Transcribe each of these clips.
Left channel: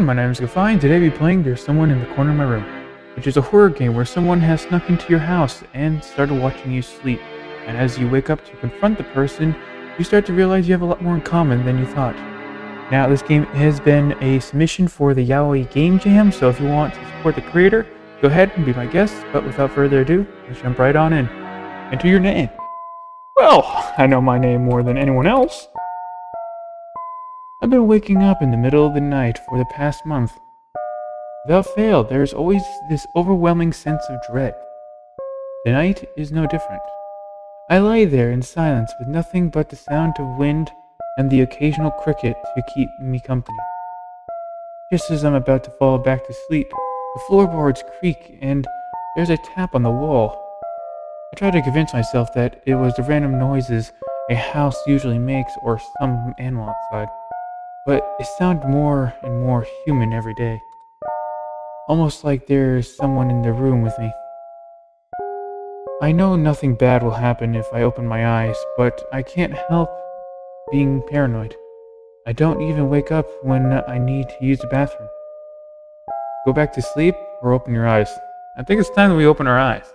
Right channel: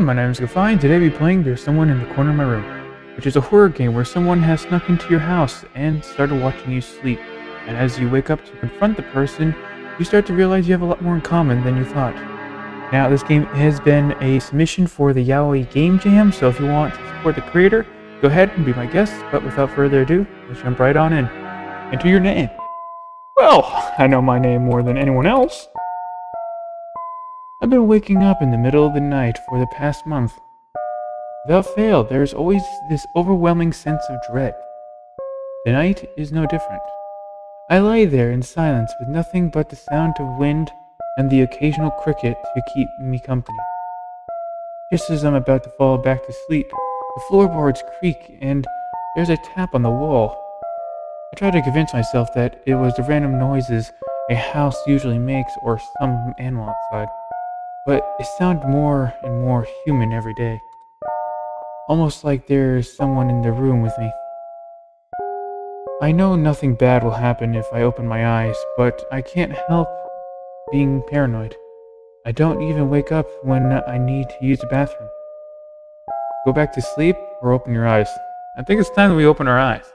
everyone, my name is 𝒂𝒑, and today we'll be playing There's Someone in the Corner of My Room, which is a horror game where someone has snuck into your house and started watching you sleep. And as you wake up to confront the person, you start to realize you have a lot more in common than you thought. Now, this game has been a submission for the Yaoi Game Jam, so if you want to support the creator, go ahead and be my guest. But without further ado, let's jump right on in. Enter your name. Well, I know my name more than anyone else. I've been waking up in the middle of the night for the past month. Without fail, there's always this overwhelming sense of dread. Tonight is no different. I lie there in silence with nothing but the sound of wind and the occasional cricket to keep me company. Just as I'm about to fall back to sleep, the floorboards creak and there's a tap on the wall. I try to convince myself that it was the random noises a house usually makes or some animal outside. But they sound more and more human every day. Almost like there's someone in the room with me. I know nothing bad will happen if I open my eyes, but I can't help being paranoid. I don't even wake up when I need to use the bathroom. Go back to sleep or open your eyes. I think it's time that we open our eyes.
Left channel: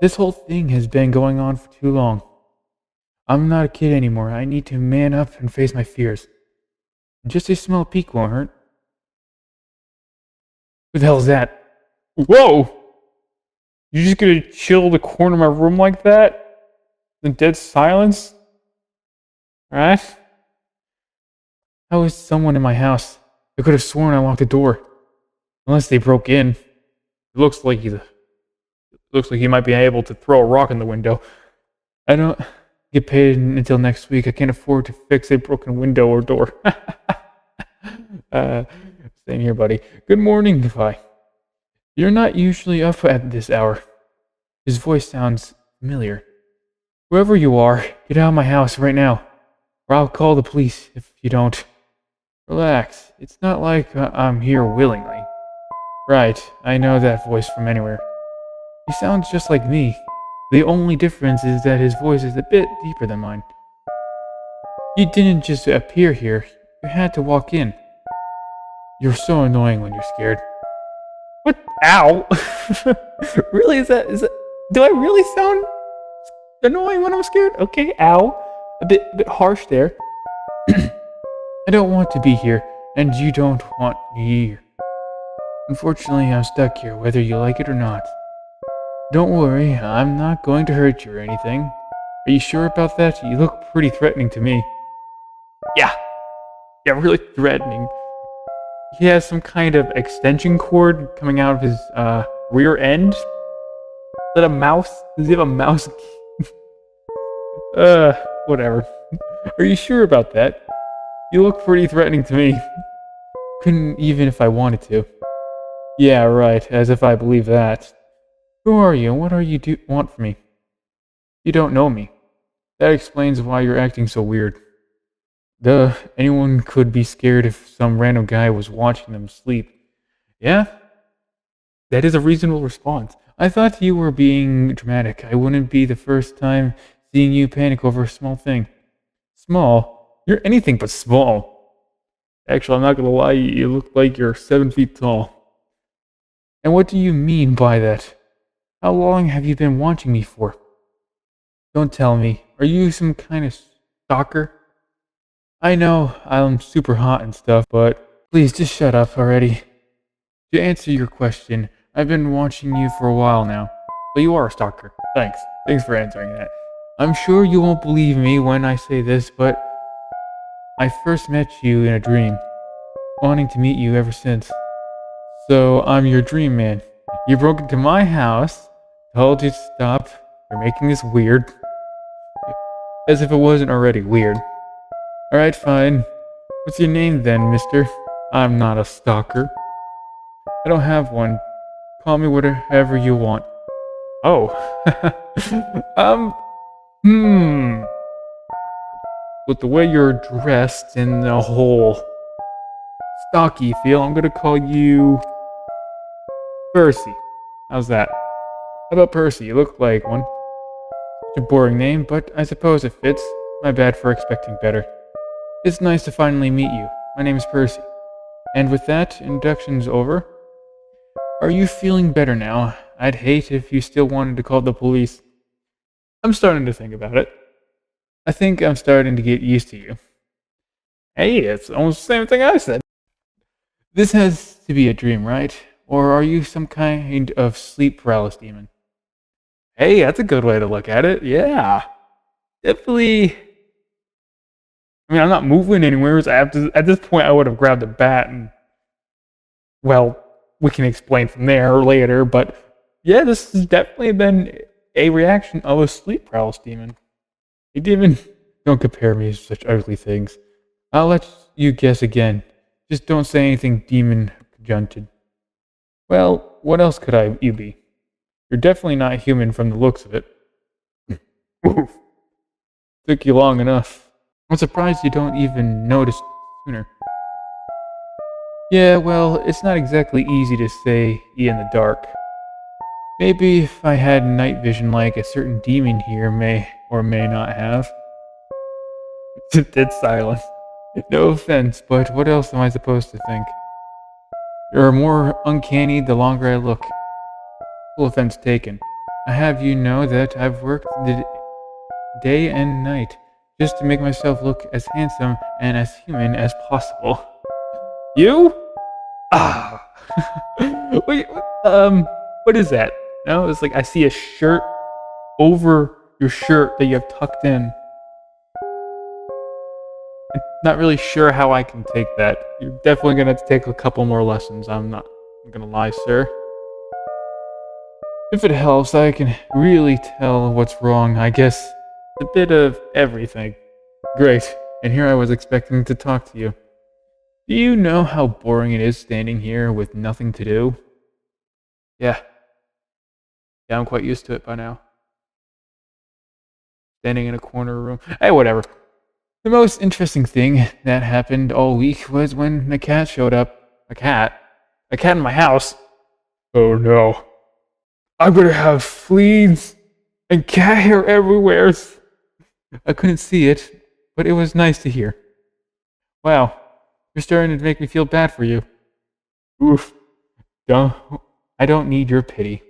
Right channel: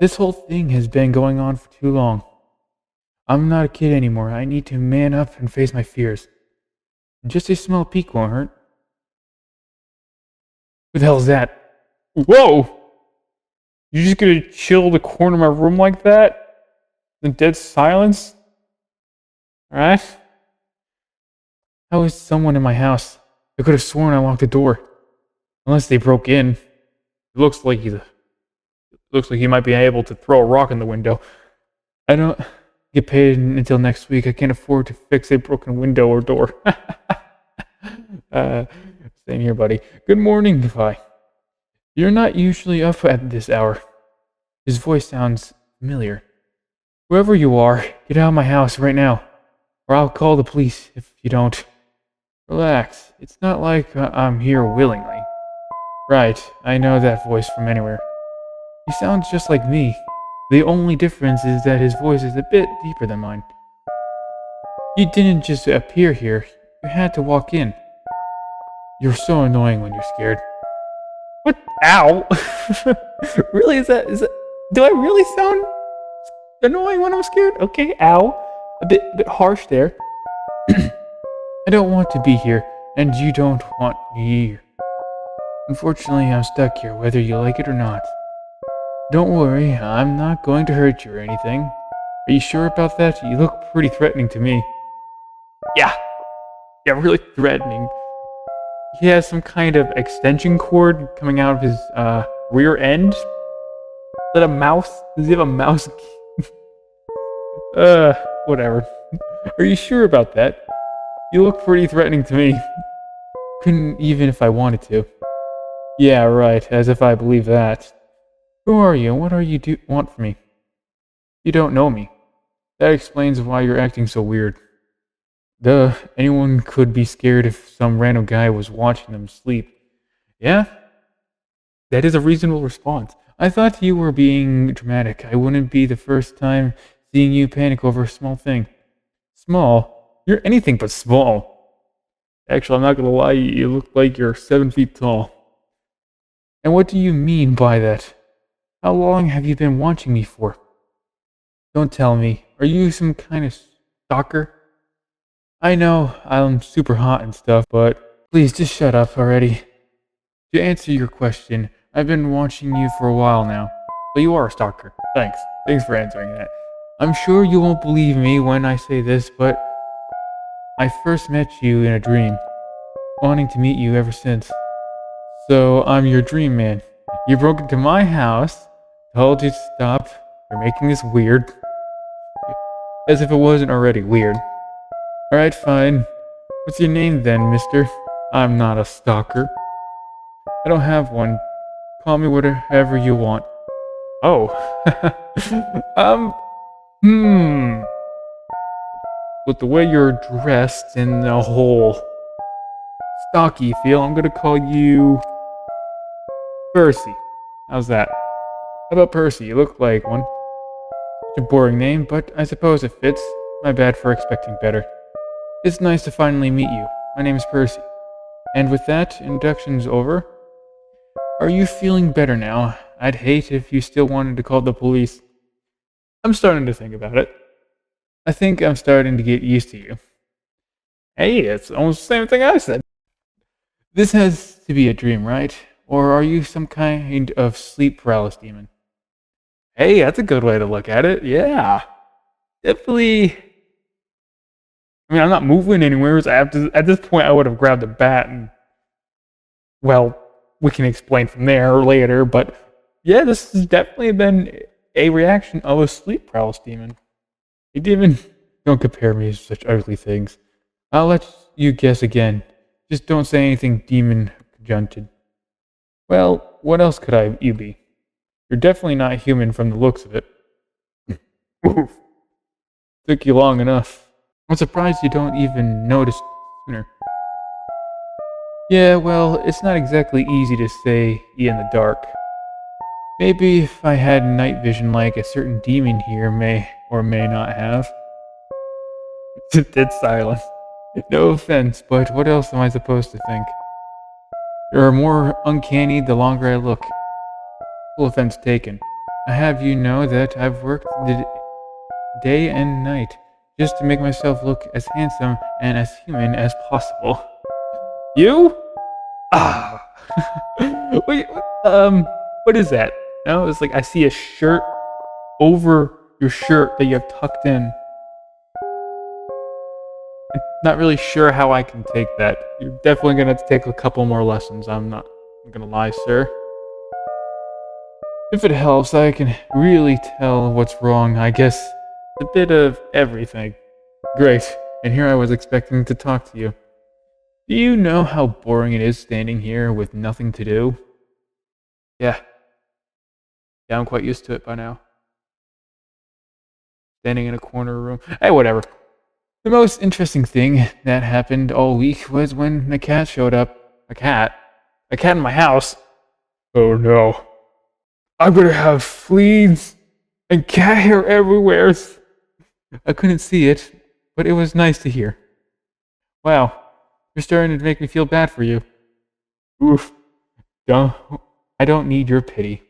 This whole thing has been going on for too long. I'm not a kid anymore. I need to man up and face my fears. And just a small peek won't hurt. What the hell is that? Whoa! You just gonna chill in the corner of my room like that? In dead silence? Right? How is someone in my house? I could have sworn I locked the door. Unless they broke in. It looks like he might be able to throw a rock in the window. I don't get paid until next week. I can't afford to fix a broken window or door. Same here, buddy. Good morning, 𝒂𝒑. You're not usually up at this hour. His voice sounds familiar. Whoever you are, get out of my house right now, or I'll call the police if you don't. Relax. It's not like I'm here willingly. Right, I know that voice from anywhere. He sounds just like me. The only difference is that his voice is a bit deeper than mine. You didn't just appear here. You had to walk in. You're so annoying when you're scared. What? Ow! Really? Is that? Do I really sound annoying when I'm scared? Okay, ow. A bit harsh there. I don't want to be here, and you don't want me here. Unfortunately, I'm stuck here, whether you like it or not. Don't worry, I'm not going to hurt you or anything. Are you sure about that? You look pretty threatening to me. Yeah, really threatening. He has some kind of extension cord coming out of his rear end. Is that a mouse? Does he have a mouse? Whatever. Are you sure about that? You look pretty threatening to me. Couldn't even if I wanted to. Yeah, right, as if I believe that. Who are you, and what are you want from me? You don't know me. That explains why you're acting so weird. Duh, anyone could be scared if some random guy was watching them sleep. Yeah? That is a reasonable response. I thought you were being dramatic. I wouldn't be the first time seeing you panic over a small thing. Small? You're anything but small. Actually, I'm not gonna lie, you look like you're 7 feet tall. And what do you mean by that? How long have you been watching me for? Don't tell me. Are you some kind of stalker? I know I'm super hot and stuff, but please just shut up already. To answer your question, I've been watching you for a while now. But you are a stalker. Thanks. Thanks for answering that. I'm sure you won't believe me when I say this, but I first met you in a dream. Wanting to meet you ever since. So I'm your dream man. You broke into my house, told you to stop, you're making this weird. As if it wasn't already weird. Alright, fine. What's your name then, mister? I'm not a stalker. I don't have one. Call me whatever you want. Oh. But the way you're dressed in the whole stocky feel, I'm gonna call you Percy. How's that? How about Percy? You look like one. Such a boring name, but I suppose it fits. My bad for expecting better. It's nice to finally meet you. My name is Percy. And with that, introduction's over. Are you feeling better now? I'd hate if you still wanted to call the police. I'm starting to think about it. I think I'm starting to get used to you. Hey, it's almost the same thing I said. This has to be a dream, right? Or are you some kind of sleep paralysis demon? Hey, that's a good way to look at it. Yeah. Definitely. I mean, I'm not moving anywhere. So at this point, I would have grabbed a bat and, well, we can explain from there later. But yeah, this has definitely been a reaction of a sleep paralysis demon. You didn't. Don't compare me to such ugly things. I'll let you guess again. Just don't say anything demon conjuncted. Well, what else could you be? You're definitely not human from the looks of it. Took you long enough. I'm surprised you don't even notice sooner. Yeah, well, it's not exactly easy to say in the dark. Maybe if I had night vision like a certain demon here may or may not have. Dead silence. No offense, but what else am I supposed to think? You're more uncanny the longer I look. No offense taken. I have you know that I've worked the day and night just to make myself look as handsome and as human as possible. You? Ah. Wait, what is that? No, it's like I see a shirt over your shirt that you have tucked in. I'm not really sure how I can take that. You're definitely going to take a couple more lessons. I'm not going to lie, sir. If it helps, I can really tell what's wrong. I guess a bit of everything. Great. And here I was expecting to talk to you. Do you know how boring it is standing here with nothing to do? Yeah. I'm quite used to it by now. Standing in a corner room. Hey, whatever. The most interesting thing that happened all week was when the cat showed up. A cat in my house. Oh no. I'm gonna have fleas and cat hair everywhere. I couldn't see it, but it was nice to hear. Wow, you're starting to make me feel bad for you. Oof. I don't need your pity.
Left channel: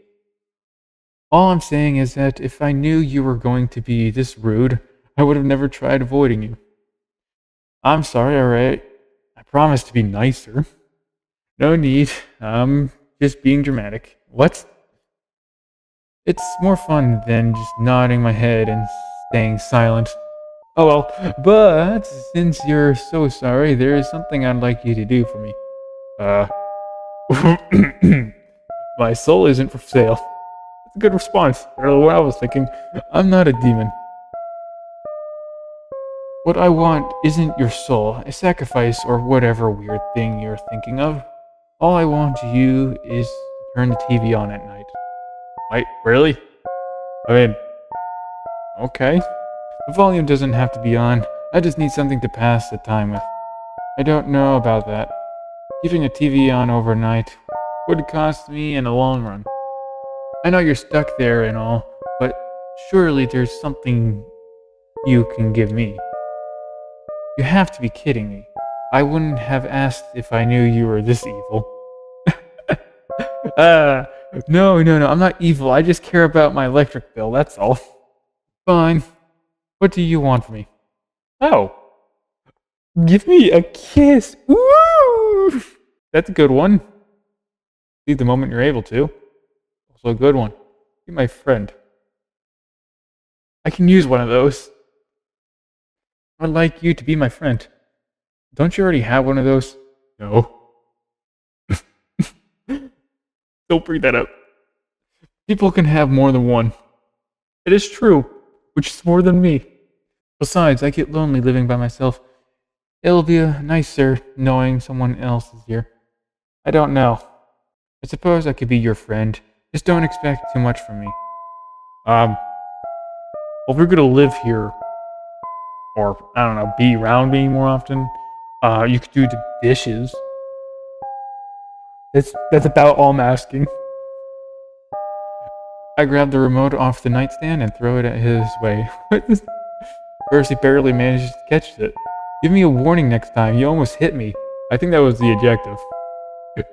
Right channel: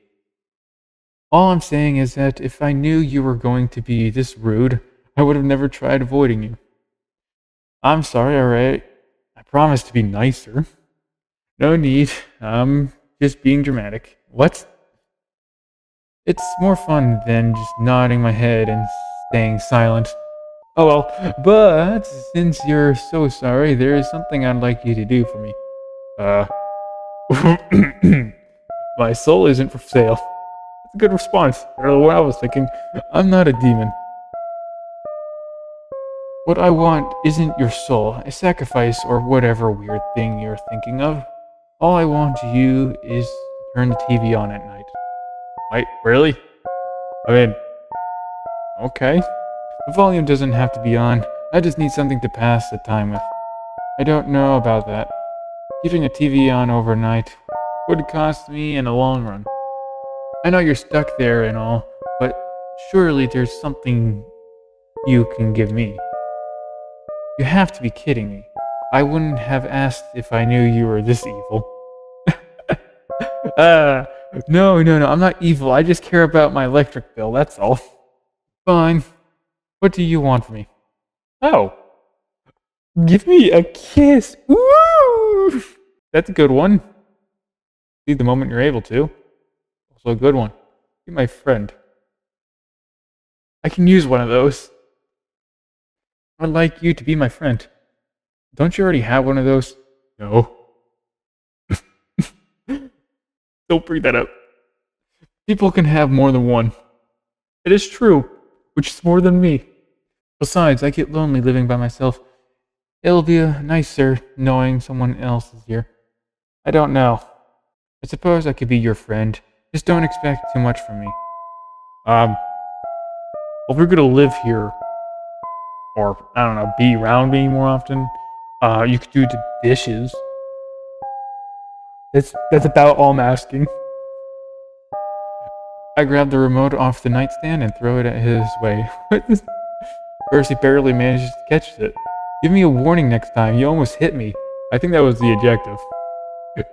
All I'm saying is that if I knew you were going to be this rude, I would have never tried avoiding you. I'm sorry, alright. I promise to be nicer. No need. I'm just being dramatic. What? It's more fun than just nodding my head and staying silent. Oh well, but since you're so sorry, there is something I'd like you to do for me. My soul isn't for sale. That's a good response. I don't know what I was thinking. I'm not a demon. What I want isn't your soul, a sacrifice or whatever weird thing you're thinking of. All I want you is to turn the TV on at night. Wait, really? I mean, okay. The volume doesn't have to be on. I just need something to pass the time with. I don't know about that. Keeping a TV on overnight would cost me in the long run. I know you're stuck there and all, but surely there's something you can give me. You have to be kidding me. I wouldn't have asked if I knew you were this evil. No, I'm not evil. I just care about my electric bill, that's all. Fine. What do you want from me? Oh. Give me a kiss. Woo! That's a good one. See the moment you're able to. Also a good one. Be my friend. I can use one of those. I'd like you to be my friend. Don't you already have one of those? No. Don't bring that up. People can have more than one. It is true, which is more than me. Besides, I get lonely living by myself. It'll be nicer knowing someone else is here. I don't know. I suppose I could be your friend. Just don't expect too much from me. Well, if we're gonna live here, or, I don't know, be around me more often, you could do the dishes. That's about all I'm asking. I grab the remote off the nightstand and throw it at his way. First, he barely manages to catch it. Give me a warning next time. You almost hit me. I think that was the adjective.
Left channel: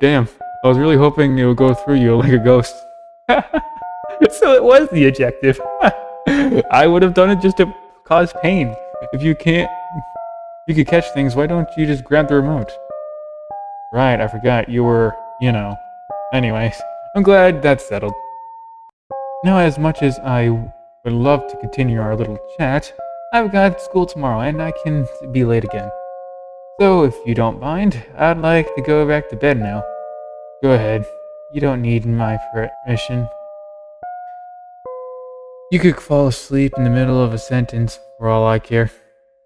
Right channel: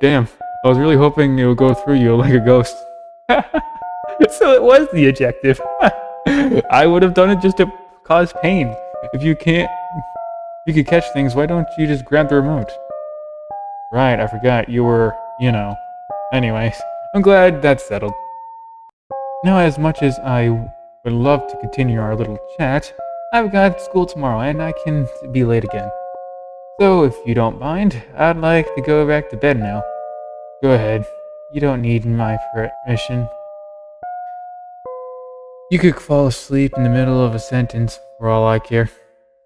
Damn, I was really hoping it would go through you like a ghost. So it was the adjective. I would have done it just to cause pain. If you could catch things, why don't you just grab the remote? Right, I forgot you were, Anyways, I'm glad that's settled. Now, as much as I would love to continue our little chat, I've got school tomorrow and I can be late again. So, if you don't mind, I'd like to go back to bed now. Go ahead. You don't need my permission. You could fall asleep in the middle of a sentence for all I care.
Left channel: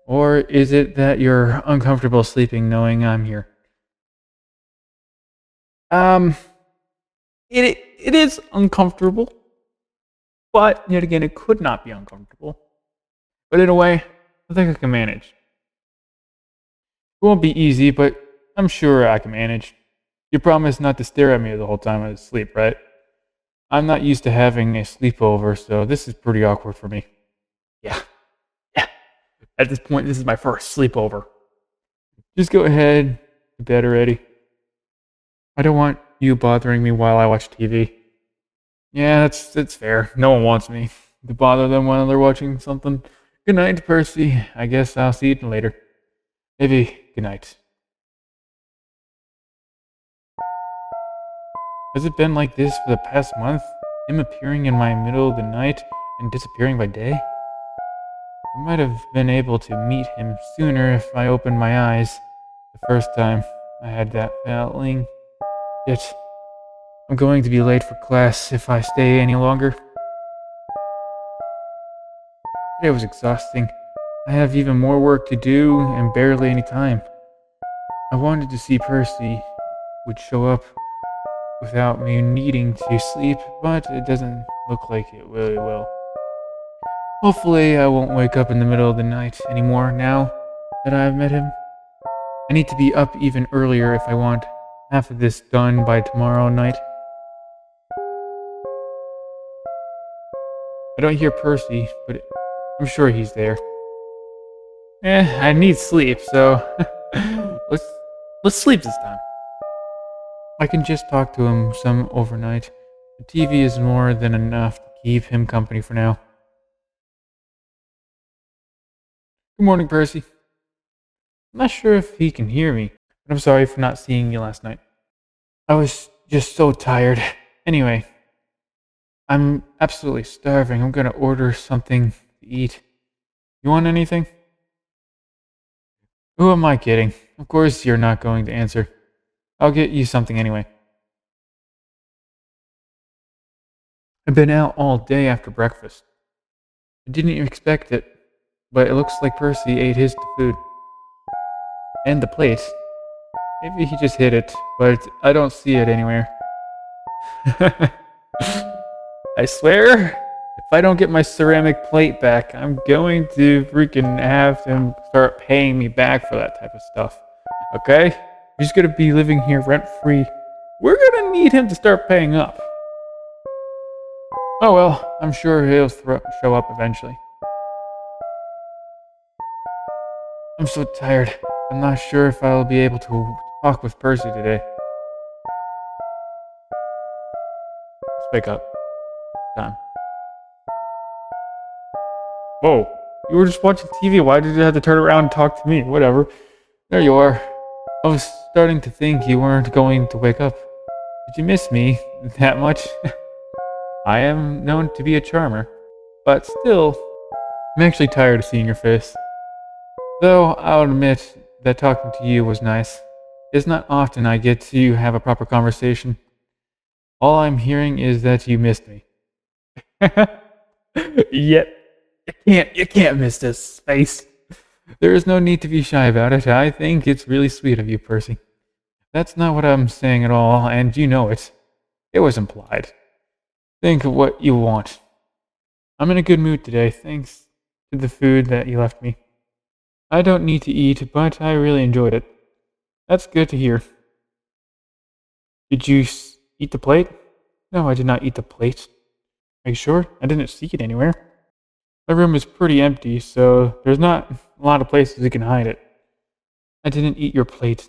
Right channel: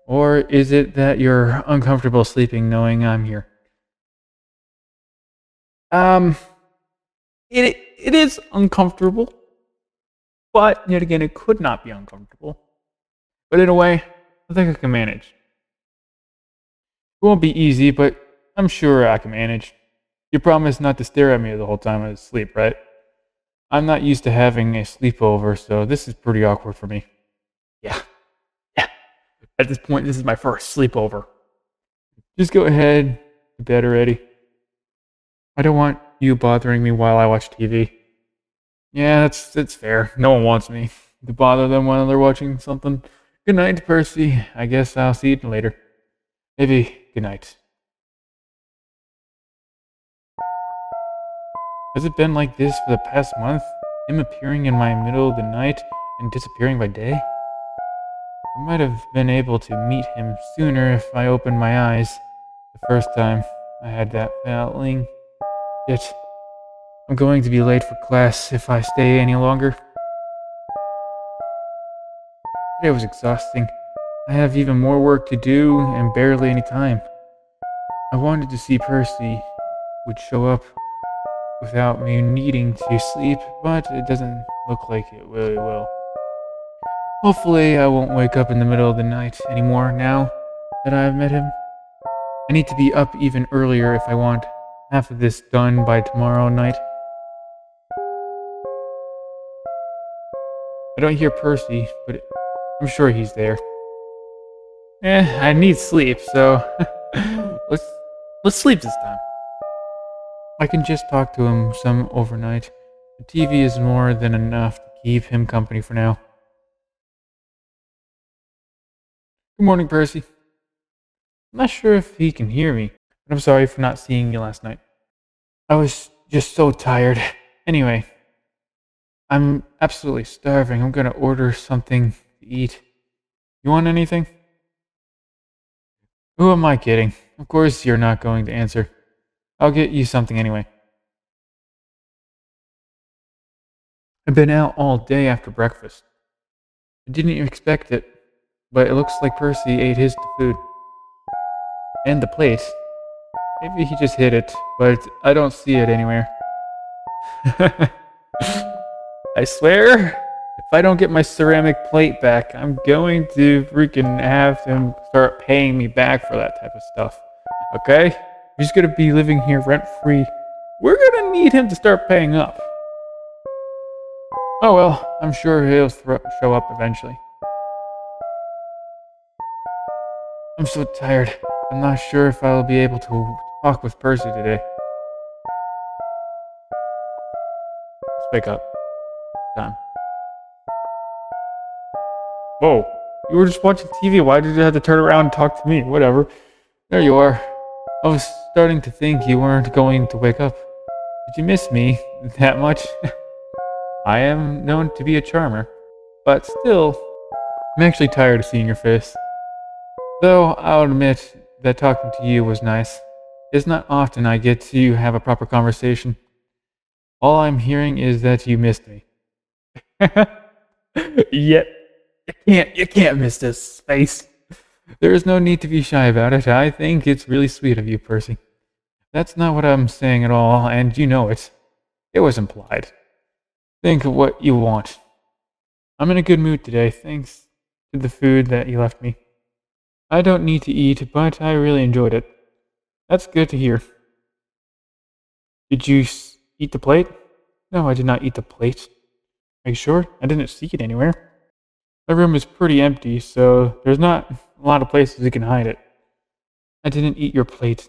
Or is it that you're uncomfortable sleeping knowing I'm here? It is uncomfortable. But, yet again, it could not be uncomfortable. But in a way, I think I can manage. It won't be easy, but I'm sure I can manage. You promised not to stare at me the whole time I was asleep, right? I'm not used to having a sleepover, so this is pretty awkward for me. Yeah. At this point, this is my first sleepover. Just go ahead to bed already. I don't want you bothering me while I watch TV. Yeah, that's fair. No one wants me to bother them while they're watching something. Good night, Percy. I guess I'll see you later. Maybe good night. Has it been like this for the past month? Him appearing in my middle of the night and disappearing by day? I might have been able to meet him sooner if I opened my eyes the first time I had that feeling. Yet, I'm going to be late for class if I stay any longer. Today was exhausting. I have even more work to do and barely any time. I wanted to see Percy would show up without me needing to sleep, but it doesn't look like it really will. Hopefully I won't wake up in the middle of the night anymore now that I've met him. I need to be up even earlier if I want half of this done by tomorrow night. I don't hear Percy, but I'm sure he's there. I need sleep, so let's sleep this time. I can just talk to him some overnight. The TV is more than enough to keep him company for now. Good morning, Percy. I'm not sure if he can hear me, but I'm sorry for not seeing you last night. I was just so tired. Anyway, I'm absolutely starving. I'm gonna order something to eat. You want anything? Who am I kidding? Of course you're not going to answer. I'll get you something anyway. I've been out all day after breakfast. I didn't expect it, but it looks like Percy ate his food. And the plate. Maybe he just hid it, but I don't see it anywhere. I swear, if I don't get my ceramic plate back, I'm going to freaking have them start paying me back for that type of stuff. Okay? You're just gonna be living here rent-free. We're gonna need him to start paying up. Oh well, I'm sure he'll show up eventually. I'm so tired. I'm not sure if I'll be able to talk with Percy today. Let's wake up. Time. Whoa, you were just watching TV. Why did you have to turn around and talk to me? Whatever. There you are. I was starting to think you weren't going to wake up. Did you miss me that much? I am known to be a charmer, but still, I'm actually tired of seeing your face. Though I'll admit that talking to you was nice. It's not often I get to have a proper conversation. All I'm hearing is that you missed me. Yeah, you can't miss this face. There is no need to be shy about it. I think it's really sweet of you, Percy. That's not what I'm saying at all, and you know it. It was implied. Think of what you want. I'm in a good mood today, thanks to the food that you left me. I don't need to eat, but I really enjoyed it. That's good to hear. Did you eat the plate? No, I did not eat the plate. Are you sure? I didn't see it anywhere. My room is pretty empty, so there's not a lot of places you can hide it. I didn't eat your plate.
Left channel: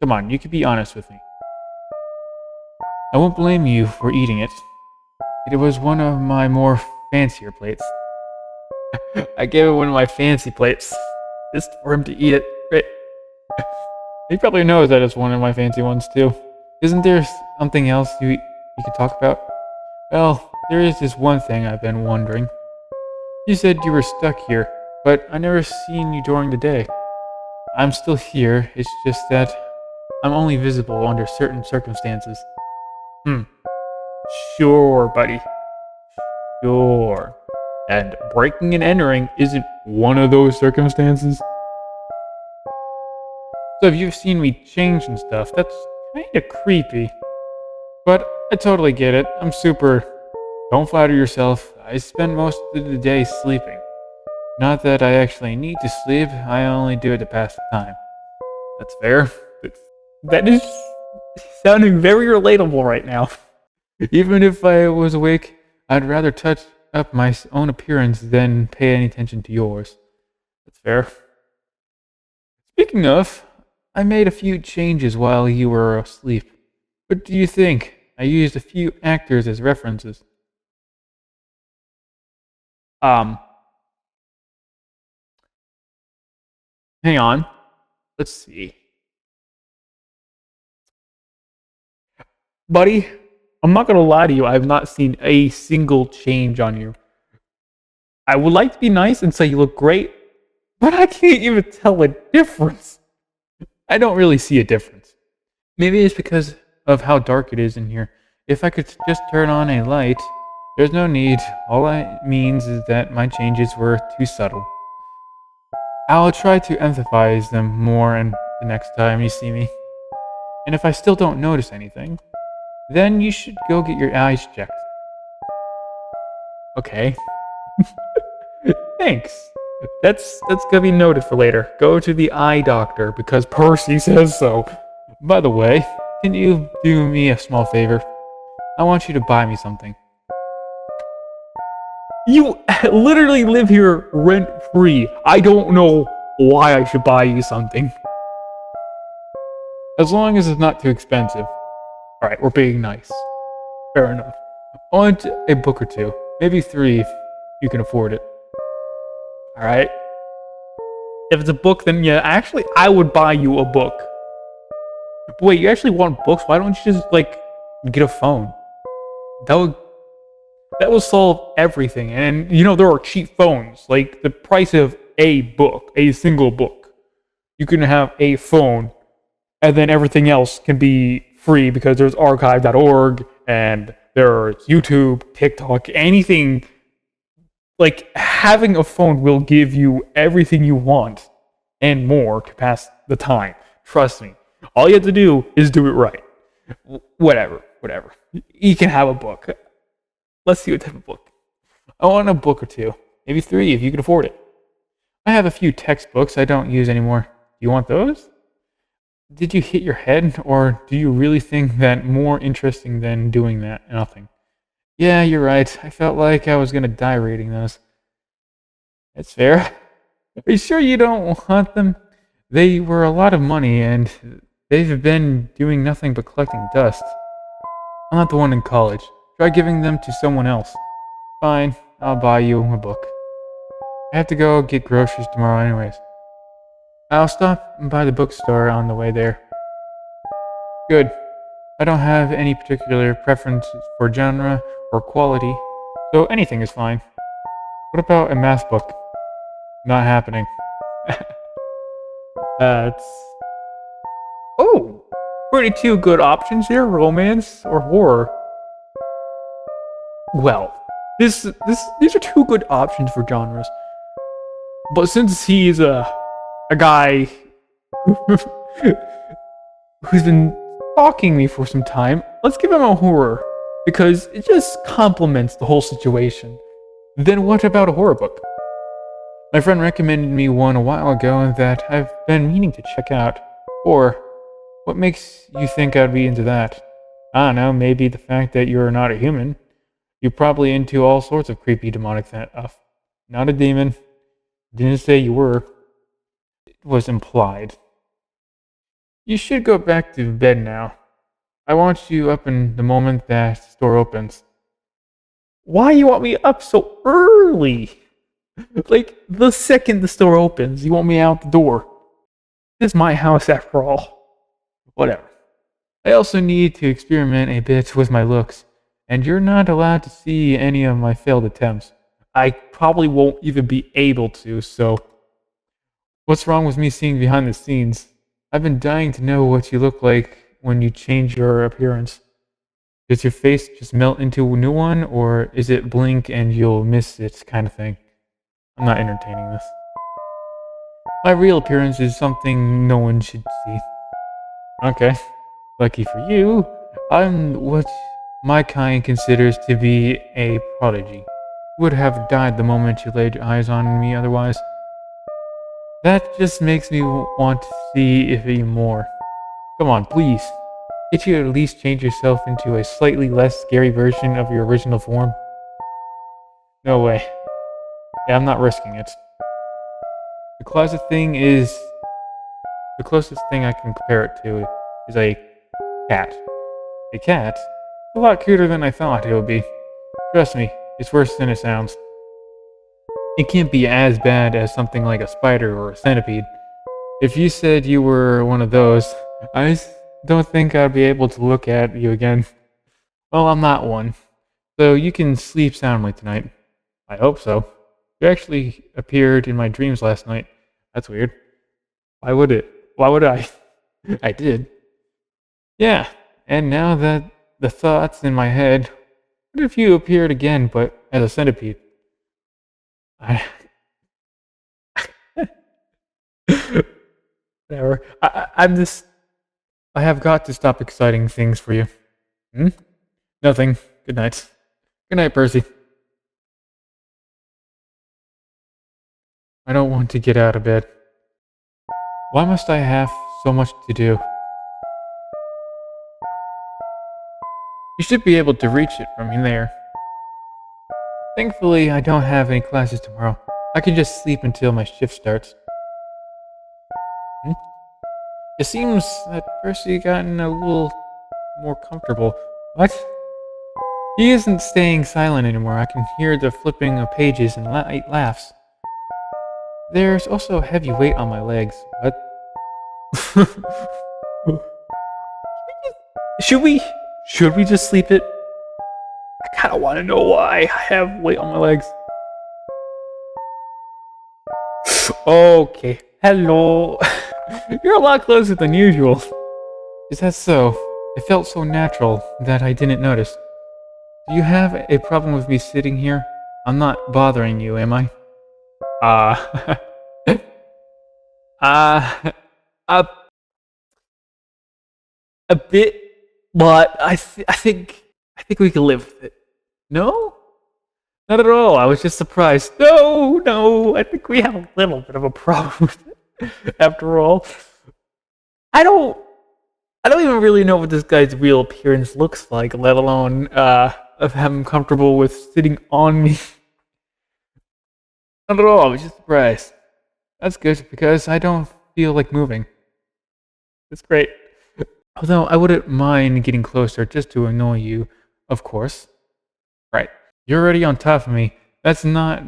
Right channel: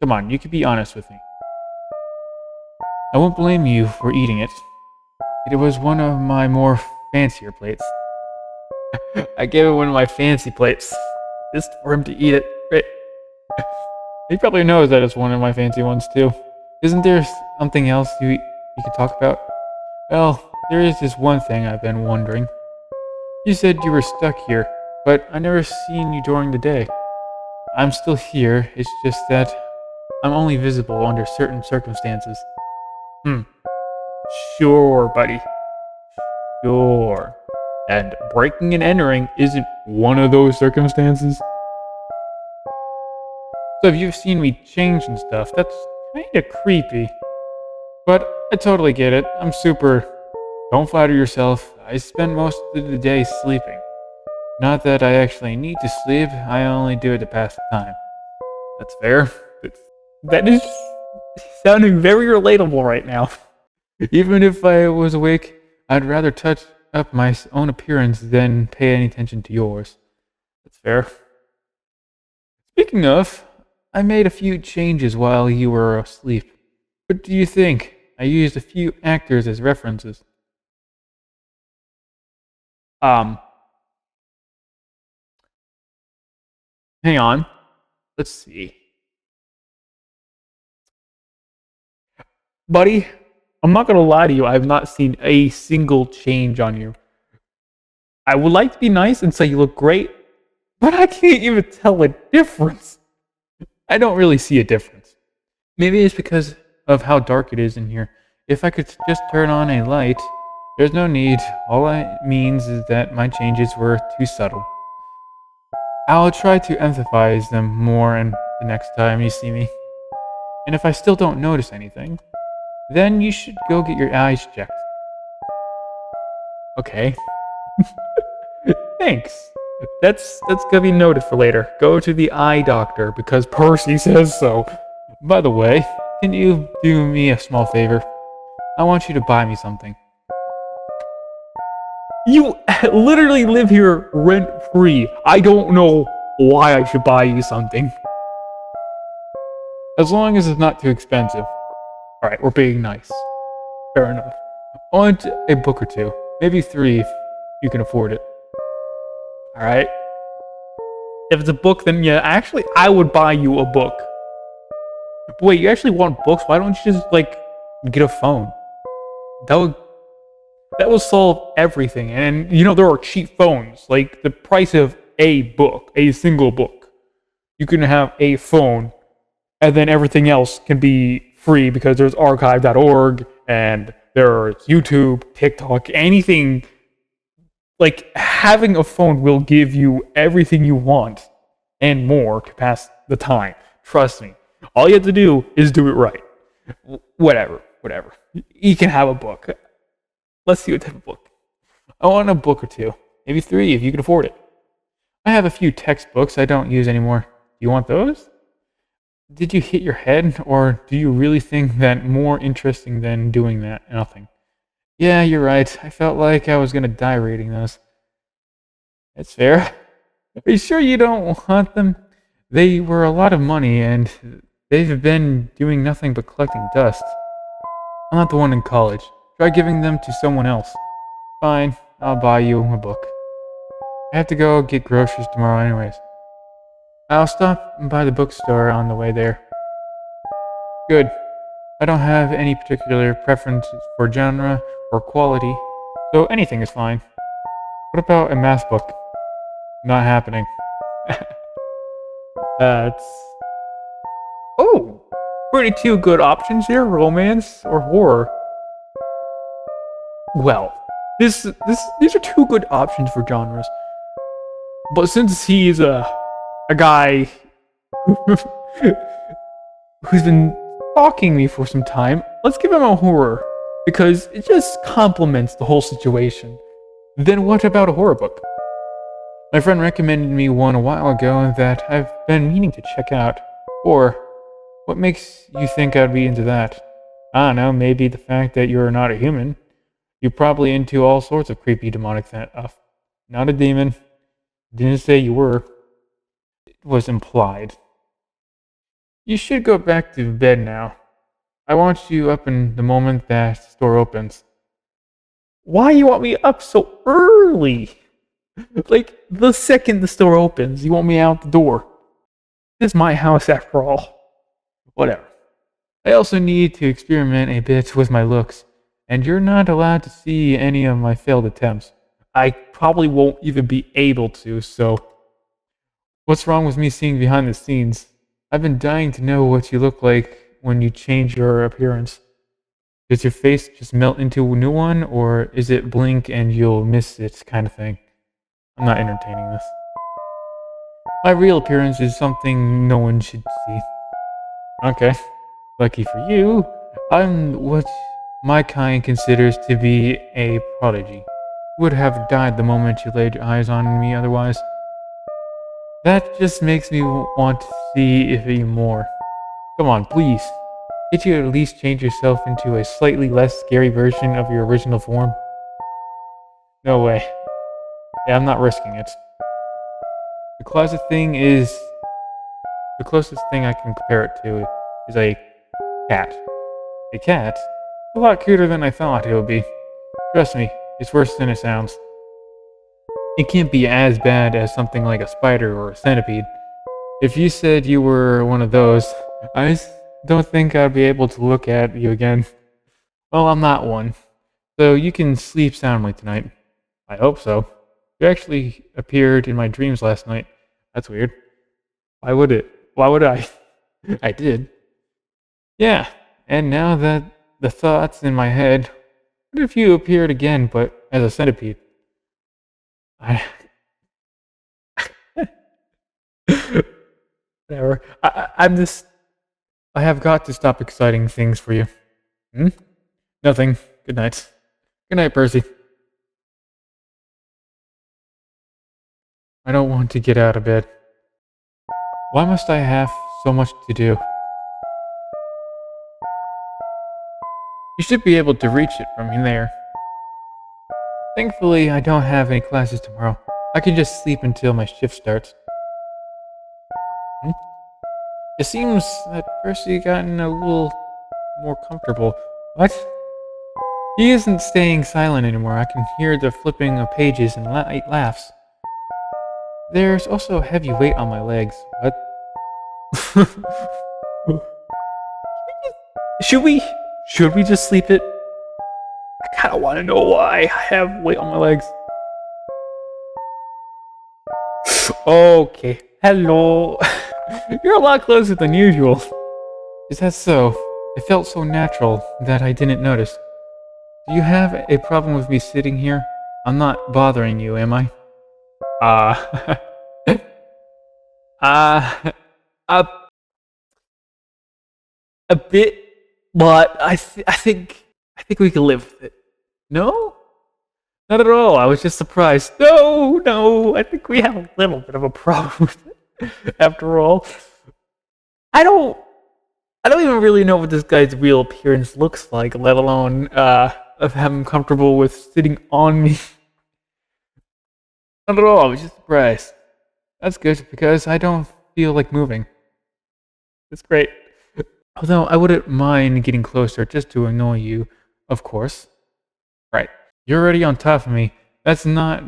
Come on, you can be honest with me. I won't blame you for eating it. It was one of my more fancier plates. I gave it one of my fancy plates just for him to eat it. Right. He probably knows that it's one of my fancy ones too. Isn't there something else you could talk about? Well, there is this one thing I've been wondering. You said you were stuck here, but I never seen you during the day. I'm still here, it's just that I'm only visible under certain circumstances. Sure, buddy. Sure. And breaking and entering isn't one of those circumstances. So if you've seen me change and stuff, that's kinda creepy. But I totally get it. I'm super... Don't flatter yourself. I spend most of the day sleeping. Not that I actually need to sleep, I only do it to pass the time. That's fair. That is sounding very relatable right now. Even if I was awake, I'd rather touch up my own appearance than pay any attention to yours. That's fair. Speaking of, I made a few changes while you were asleep. What do you think? I used a few actors as references. Hang on. Let's see. Buddy, I'm not gonna lie to you, I have not seen a single change on you. I would like to be nice and say you look great, but I can't even tell a difference. I don't really see a difference. Maybe it's because of how dark it is in here. If I could just turn on a light, there's no need. All it means is that my changes were too subtle. I'll try to emphasize them more in the next time you see me. And if I still don't notice anything, then you should go get your eyes checked. Okay. Thanks. That's gonna be noted for later. Go to the eye doctor because Percy says so. By the way, can you do me a small favor? I want you to buy me something. You literally live here rent-free. I don't know why I should buy you something. As long as it's not too expensive. Alright, we're being nice. Fair enough. I want a book or two. Maybe 3 if you can afford it. Alright. If it's a book, then yeah, actually, I would buy you a book. But wait, you actually want books? Why don't you just, like, get a phone? That will solve everything. And, you know, there are cheap phones. Like, the price of a book, a single book. You can have a phone, and then everything else can be free because there's archive.org, and there's YouTube, TikTok, anything. Like, having a phone will give you everything you want and more to pass the time. Trust me. All you have to do is do it right. Whatever. You can have a book. Let's see what type of book. I want a book or 2. Maybe 3 if you can afford it. I have a few textbooks I don't use anymore. Do you want those? Did you hit your head, or do you really think that more interesting than doing that? Nothing. Yeah, you're right. I felt like I was gonna die reading those. That's fair. Are you sure you don't want them? They were a lot of money, and they've been doing nothing but collecting dust. I'm not the one in college. Try giving them to someone else. Fine, I'll buy you a book. I have to go get groceries tomorrow anyways. I'll stop by the bookstore on the way there. Good. I don't have any particular preferences for genre or quality, so anything is fine. What about a math book? Not happening. That's... Oh! Pretty 2 good options here, romance or horror. Well, these are 2 good options for genres. But since he's a guy who's been stalking me for some time, let's give him a horror. Because it just complements the whole situation. Then what about a horror book? My friend recommended me one a while ago that I've been meaning to check out. Or, what makes you think I'd be into that? I don't know, maybe the fact that you're not a human. You're probably into all sorts of creepy demonic stuff. Not a demon. Didn't say you were. It was implied. You should go back to bed now. I want you up in the moment that the store opens. Why you want me up so early? Like, the second the store opens, you want me out the door. This is my house after all. Whatever. I also need to experiment a bit with my looks, and you're not allowed to see any of my failed attempts. I probably won't even be able to, so... What's wrong with me seeing behind the scenes? I've been dying to know what you look like when you change your appearance. Does your face just melt into a new one, or is it blink and you'll miss it kind of thing? I'm not entertaining this. My real appearance is something no one should see. Okay. Lucky for you, I'm what my kind considers to be a prodigy. Would have died the moment you laid your eyes on me otherwise. That just makes me want to see if even more. Come on, please. Can't you at least change yourself into a slightly less scary version of your original form? No way. Yeah, I'm not risking it. The closet thing is... The closest thing I can compare it to is a cat. A cat? A lot cuter than I thought it would be. Trust me, it's worse than it sounds. It can't be as bad as something like a spider or a centipede. If you said you were one of those, I don't think I'd be able to look at you again. Well, I'm not one. So you can sleep soundly tonight. I hope so. You actually appeared in my dreams last night. That's weird. Why would it? Why would I? I did. Yeah, and now that the thoughts in my head, what if you appeared again, but as a centipede? Whatever. I have got to stop exciting things for you. Nothing. Good night. Good night, Percy. I don't want to get out of bed. Why must I have so much to do? You should be able to reach it from there. Thankfully, I don't have any classes tomorrow. I can just sleep until my shift starts. It seems that Percy gotten a little more comfortable. What? He isn't staying silent anymore. I can hear the flipping of pages and light laughs. There's also a heavy weight on my legs. What? Should we just sleep it? I kinda wanna know why I have weight on my legs. Okay, hello. You're a lot closer than usual. Is that so? It felt so natural that I didn't notice. Do you have a problem with me sitting here? I'm not bothering you, am I? A bit, but I think we can live with it. No? Not at all. I was just surprised. No, I think we have a little bit of a problem after all. I don't even really know what this guy's real appearance looks like, let alone of him comfortable with sitting on me. Not at all. I was just surprised. That's good because I don't feel like moving. That's great. Although I wouldn't mind getting closer just to annoy you, of course. Right. You're already on top of me. That's not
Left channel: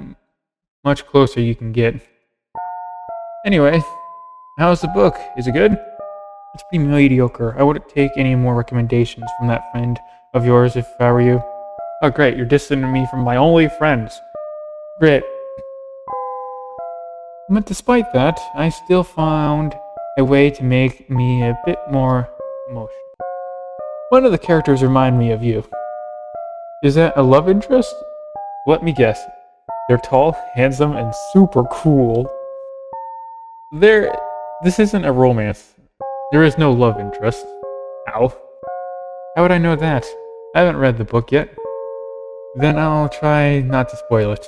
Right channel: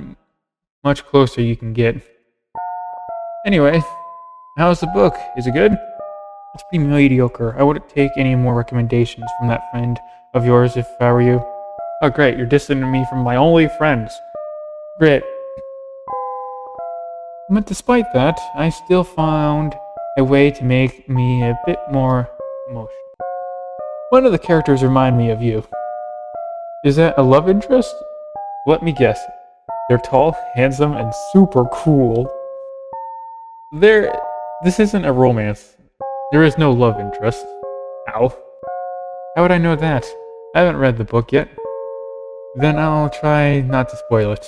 much closer you can get. Anyway, how's the book? Is it good? It's pretty mediocre. I wouldn't take any more recommendations from that friend of yours if I were you. Oh great, you're distancing me from my only friends. Great. But despite that, I still found a way to make me a bit more emotional. One of the characters remind me of you. Is that a love interest? Let me guess. They're tall, handsome, and super cool. This isn't a romance. There is no love interest. Ow. How would I know that? I haven't read the book yet. Then I'll try not to spoil it.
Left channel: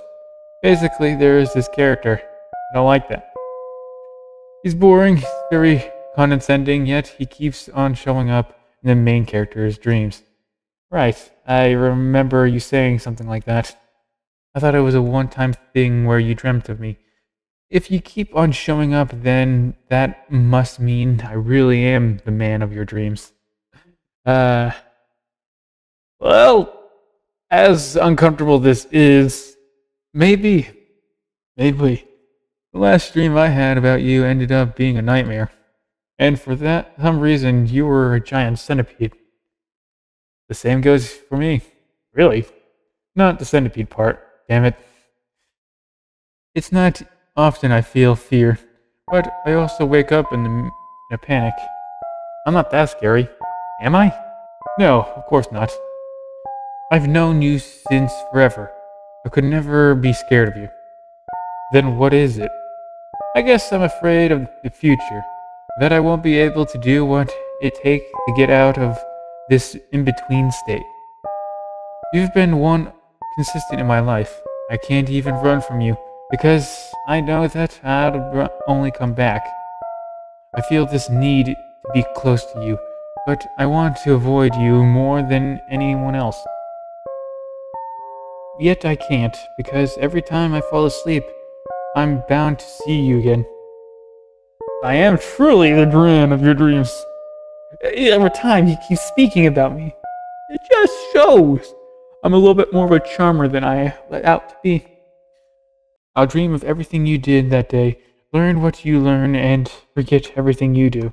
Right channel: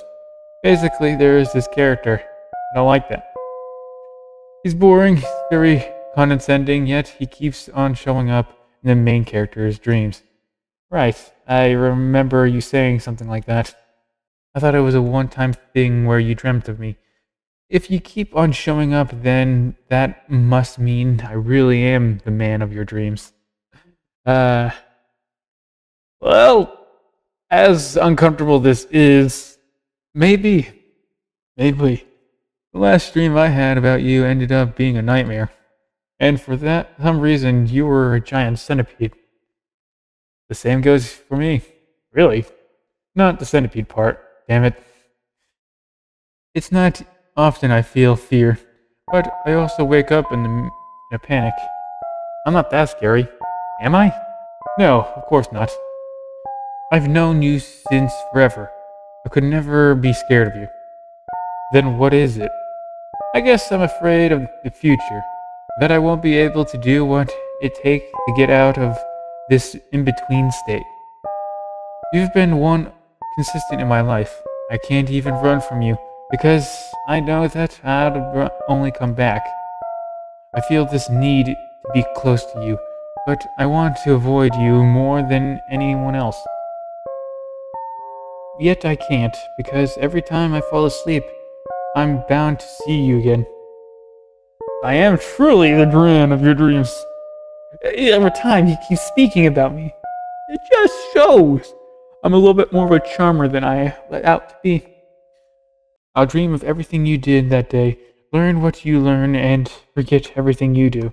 Basically, there is this character. I don't like that. He's boring, he's very condescending, yet he keeps on showing up in the main character's dreams. Right, I remember you saying something like that. I thought it was a one-time thing where you dreamt of me. If you keep on showing up, then that must mean I really am the man of your dreams. Well, as uncomfortable this is, maybe, the last dream I had about you ended up being a nightmare. And for that, some reason, you were a giant centipede. The same goes for me. Really? Not the centipede part, damn it. It's not often I feel fear, but I also wake up in a panic. I'm not that scary, am I? No, of course not. I've known you since forever. I could never be scared of you. Then what is it? I guess I'm afraid of the future, that I won't be able to do what it takes to get out of this in-between state. You've been one consistent in my life. I can't even run from you, because I know that I'd only come back. I feel this need to be close to you, but I want to avoid you more than anyone else. Yet I can't, because every time I fall asleep, I'm bound to see you again. I am truly the man of your dreams. Every time you keep speaking about me, it just shows I'm a little bit more of a charmer than I let out to be. I'll dream of everything you did that day, learn what you learn, and forget everything you do.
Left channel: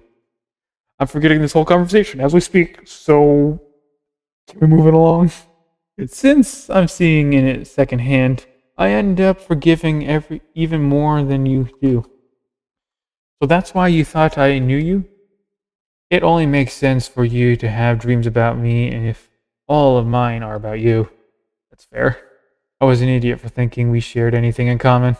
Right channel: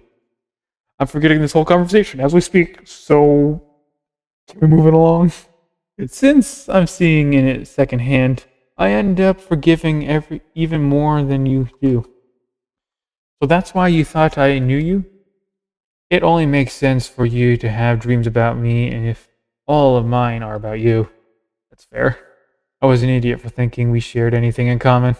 I'm forgetting this whole conversation as we speak, so we're moving along. Since I'm seeing it secondhand, I end up forgiving even more than you do. So that's why you thought I knew you? It only makes sense for you to have dreams about me if all of mine are about you. That's fair. I was an idiot for thinking we shared anything in common.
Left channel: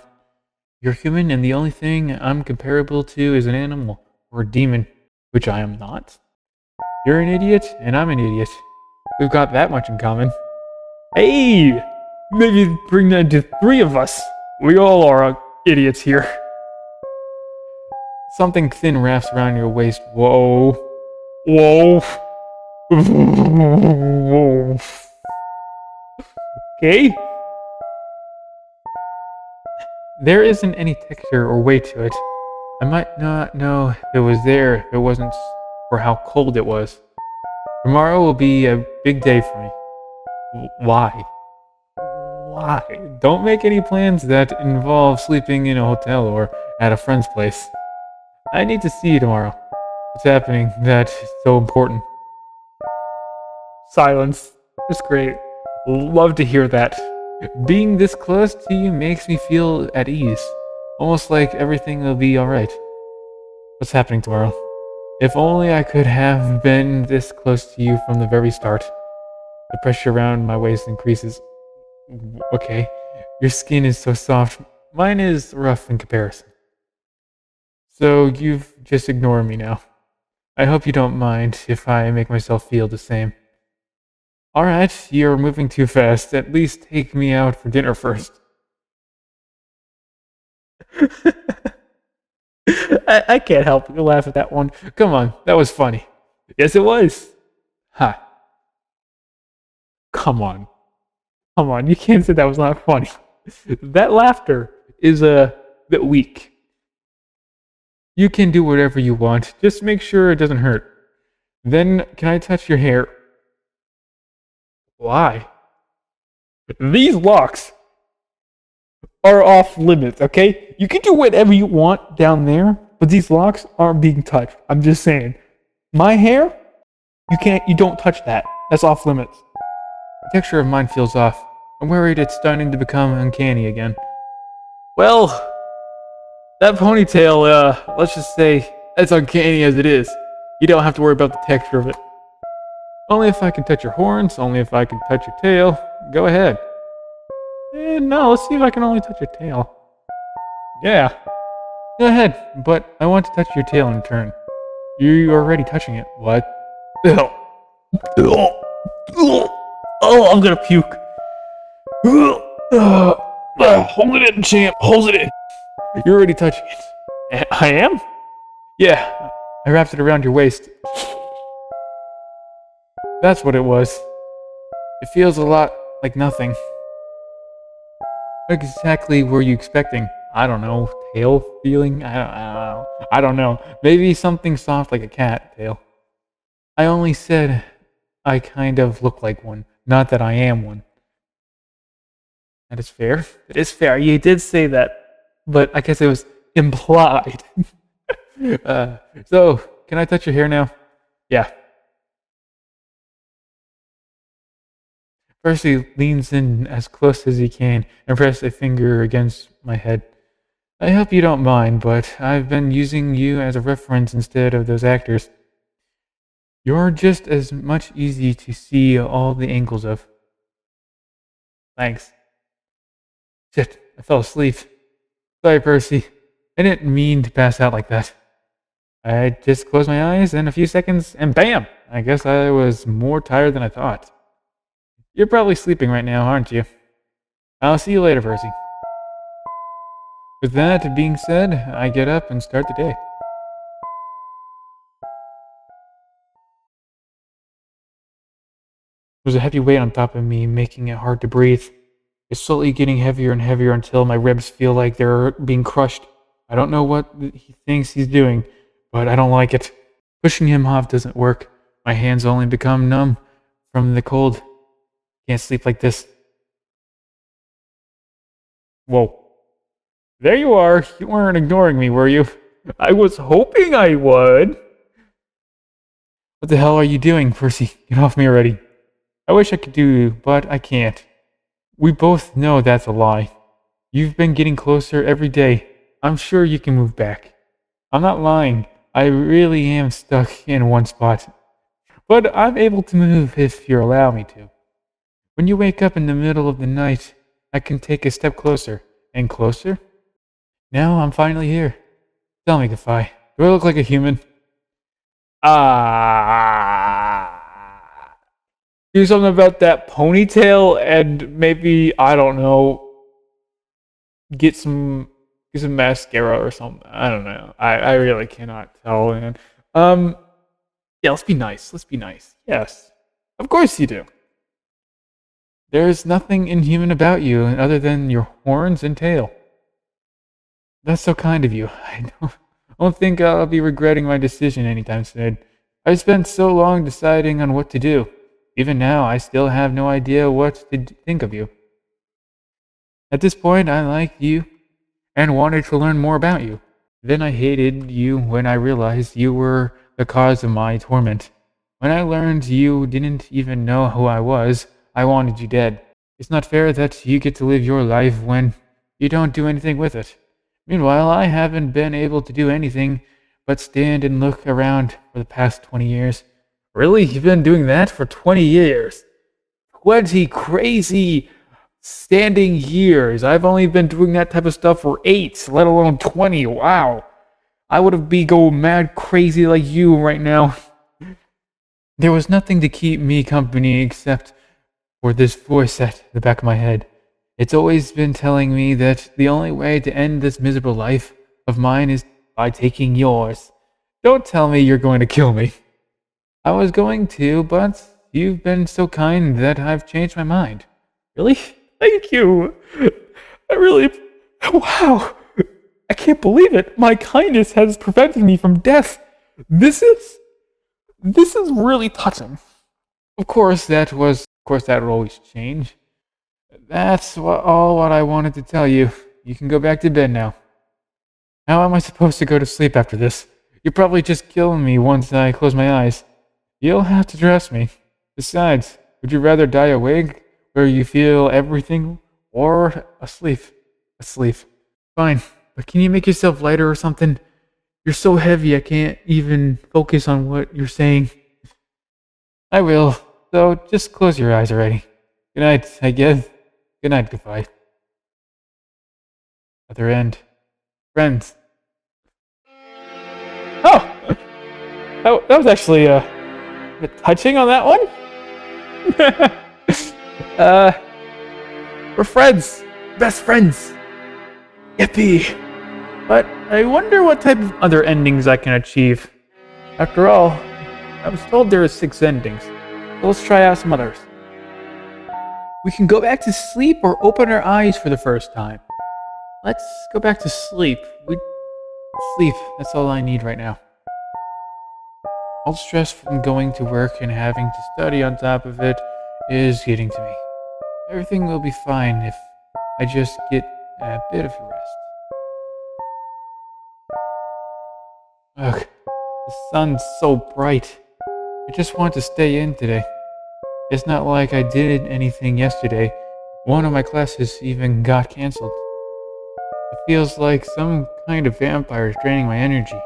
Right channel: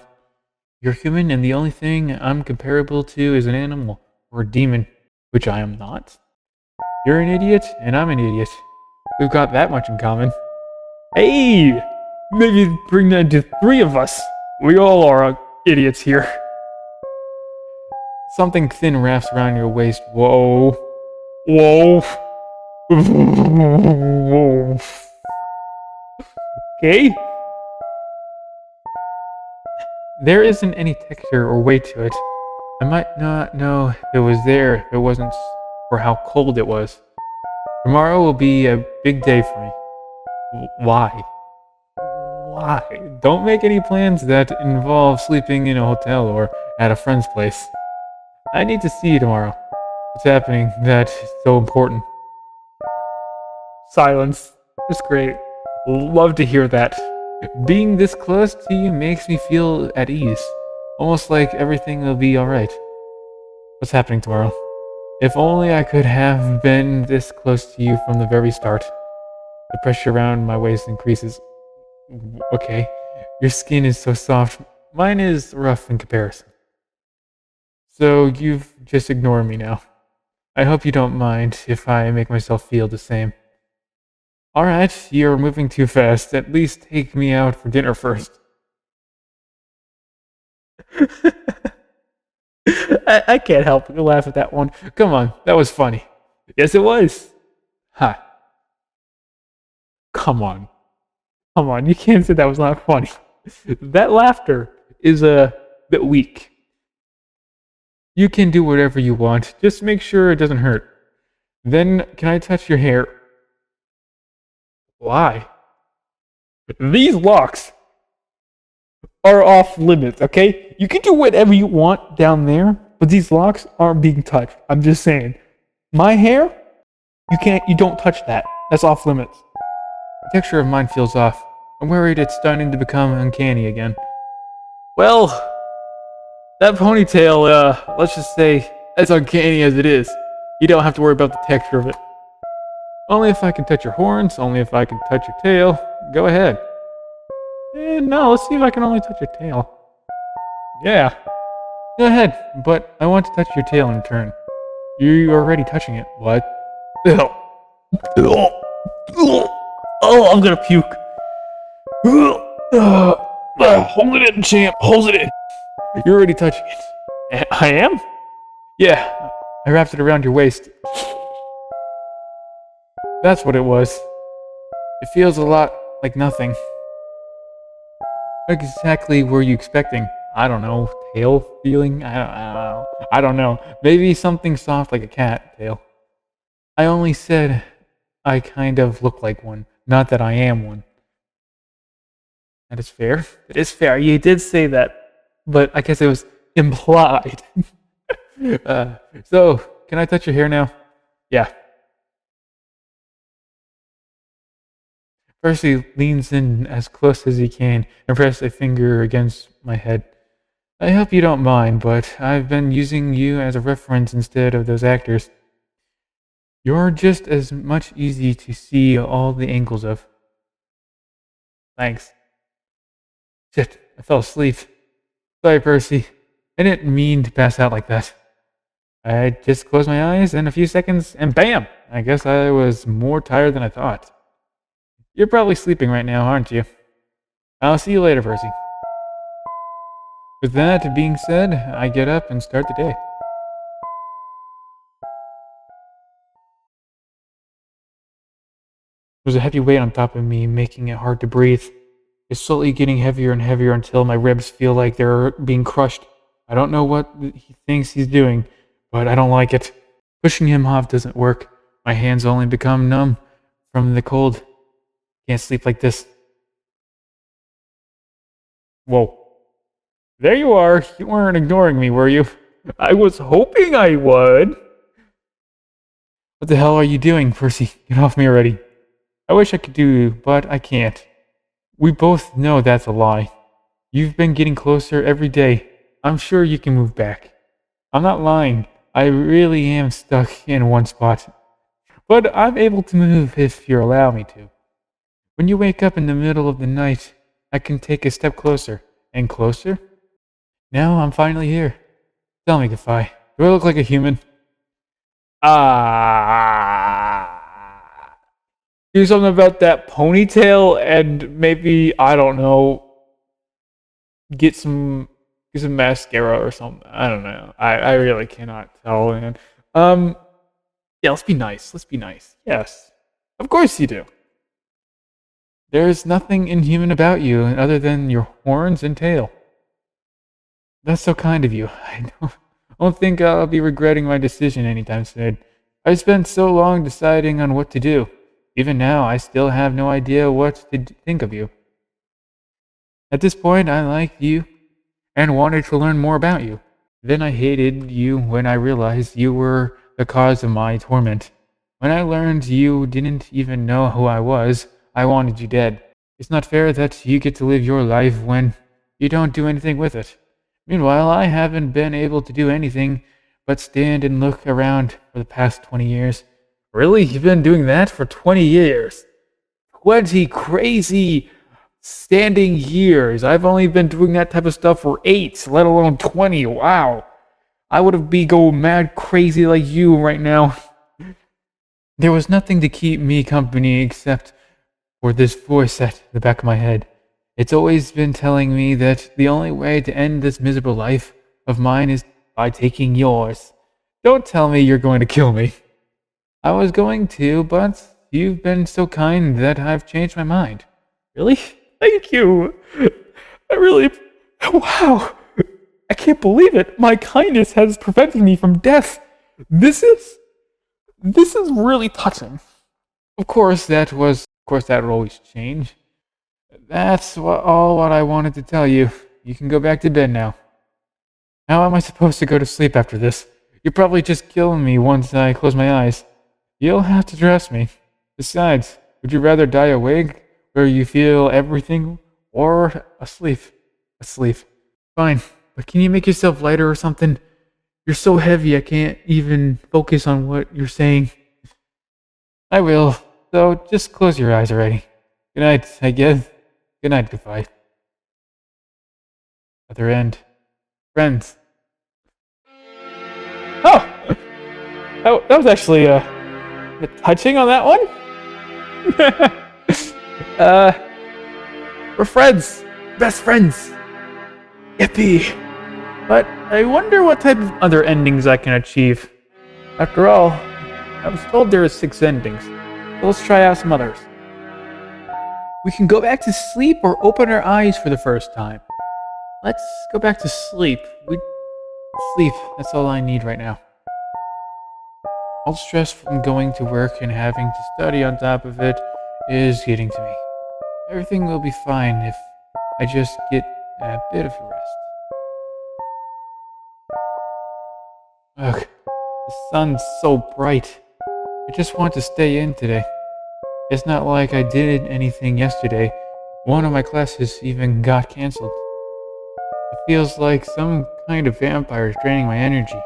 You're human, and the only thing I'm comparable to is an animal or a demon, which I am not. You're an idiot, and I'm an idiot. We've got that much in common. Hey! Maybe bring that to 3 of us. We all are idiots here. Something thin wraps around your waist. Whoa. Whoa. Okay? There isn't any texture or weight to it. I might not know it was there if it wasn't for how cold it was. Tomorrow will be a big day for me. Why? Why? Don't make any plans that involve sleeping in a hotel or at a friend's place. I need to see you tomorrow. What's happening that is so important? Silence. That's great. Love to hear that. Being this close to you makes me feel at ease. Almost like everything will be alright. What's happening tomorrow? If only I could have been this close to you from the very start. The pressure around my waist increases. Okay. Your skin is so soft. Mine is rough in comparison. So you've just ignored me now. I hope you don't mind if I make myself feel the same. Alright, you're moving too fast. At least take me out for dinner first. I can't help but laugh at that one. Come on, that was funny. Yes, it was. Ha. Come on. Come on, you can't say that was not funny. That laughter is a bit weak. You can do whatever you want. Just make sure it doesn't hurt. Then, can I touch your hair? Why? These locks are off limits, okay? You can do whatever you want down there, but these locks aren't being touched. I'm just saying. My hair? You don't touch that. That's off limits. The texture of mine feels off. I'm worried it's starting to become uncanny again. Well, that ponytail, let's just say, as uncanny as it is, you don't have to worry about the texture of it. Only if I can touch your horns, only if I can touch your tail. Go ahead. No, let's see if I can only touch your tail. Yeah. Go ahead, but I want to touch your tail in turn. You're already touching it. What? Oh, I'm gonna puke. Hold it in, champ. Hold it in. You're already touching it. I am? Yeah. I wrapped it around your waist. That's what it was. It feels a lot like nothing. What exactly were you expecting? I don't know, tail feeling? I don't know. Maybe something soft like a cat tail. I only said I kind of look like one, not that I am one. That is fair. That is fair. You did say that, but I guess it was implied. So, can I touch your hair now? Yeah. Percy leans in as close as he can and presses a finger against my head. I hope you don't mind, but I've been using you as a reference instead of those actors. You're just as much easy to see all the angles of. Thanks. Shit, I fell asleep. Sorry, Percy. I didn't mean to pass out like that. I just closed my eyes in a few seconds, and BAM! I guess I was more tired than I thought. You're probably sleeping right now, aren't you? I'll see you later, Percy. With that being said, I get up and start the day. There's a heavy weight on top of me, making it hard to breathe. It's slowly getting heavier and heavier until my ribs feel like they're being crushed. I don't know what he thinks he's doing, but I don't like it. Pushing him off doesn't work. My hands only become numb from the cold. Can't sleep like this. Whoa. There you are. You weren't ignoring me, were you? I was hoping I would. What the hell are you doing, Percy? Get off me already. I wish I could do, but I can't. We both know that's a lie. You've been getting closer every day. I'm sure you can move back. I'm not lying. I really am stuck in one spot. But I'm able to move if you allow me to. When you wake up in the middle of the night, I can take a step closer. And closer? Now I'm finally here. Tell me, 𝒂𝒏, do I look like a human? Do something about that ponytail and maybe, I don't know, get some mascara or something. I don't know. I really cannot tell, man. Yeah, let's be nice. Let's be nice. Yes. Of course you do. There's nothing inhuman about you other than your horns and tail. That's so kind of you. I don't think I'll be regretting my decision anytime soon. I spent so long deciding on what to do. Even now, I still have no idea what to think of you. At this point, I liked you and wanted to learn more about you. Then I hated you when I realized you were the cause of my torment. When I learned you didn't even know who I was, I wanted you dead. It's not fair that you get to live your life when you don't do anything with it. Meanwhile, I haven't been able to do anything but stand and look around for the past 20 years. Really? You've been doing that for 20 years? 20 crazy standing years. I've only been doing that type of stuff for 8, let alone 20. Wow. I would be going mad crazy like you right now. There was nothing to keep me company except for this voice at the back of my head. It's always been telling me that the only way to end this miserable life of mine is by taking yours. Don't tell me you're going to kill me. I was going to, but you've been so kind that I've changed my mind. Really? Thank you. Wow. I can't believe it. My kindness has prevented me from death. This is really touching. Of course, that would always change. That's all what I wanted to tell you. You can go back to bed now. How am I supposed to go to sleep after this? You're probably just killing me once I close my eyes. You'll have to dress me. Besides, would you rather die awake, where you feel everything, or asleep? Asleep. Fine, but can you make yourself lighter or something? You're so heavy I can't even focus on what you're saying. I will, so just close your eyes already. Good night, I guess. Good night, 𝒂𝒏. Other end. Friends. Oh! That was actually, touching on that one? We're friends. Best friends. Yippee. But I wonder what type of other endings I can achieve. After all, I was told there's 6 endings. So let's try out some others. We can go back to sleep or open our eyes for the first time. Let's go back to sleep. Sleep, that's all I need right now. All stress from going to work and having to study on top of it is getting to me. Everything will be fine if I just get a bit of a rest. Ugh, the sun's so bright. I just want to stay in today. It's not like I did anything yesterday. One of my classes even got cancelled. It feels like some kind of vampire is draining my energy.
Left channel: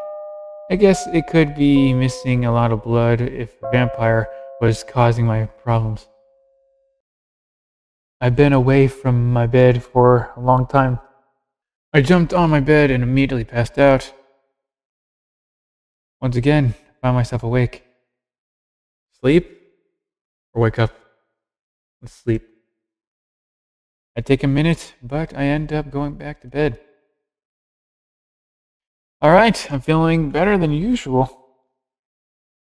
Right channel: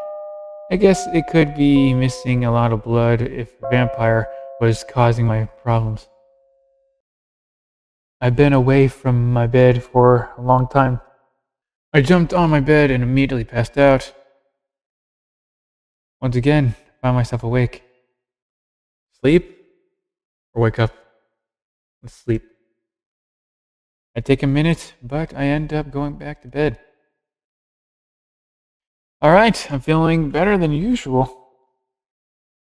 I guess it could be missing a lot of blood if a vampire was causing my problems. I've been away from my bed for a long time. I jumped on my bed and immediately passed out. Once again, I found myself awake. Sleep? Or wake up? Let's sleep. I take a minute, but I end up going back to bed. Alright, I'm feeling better than usual.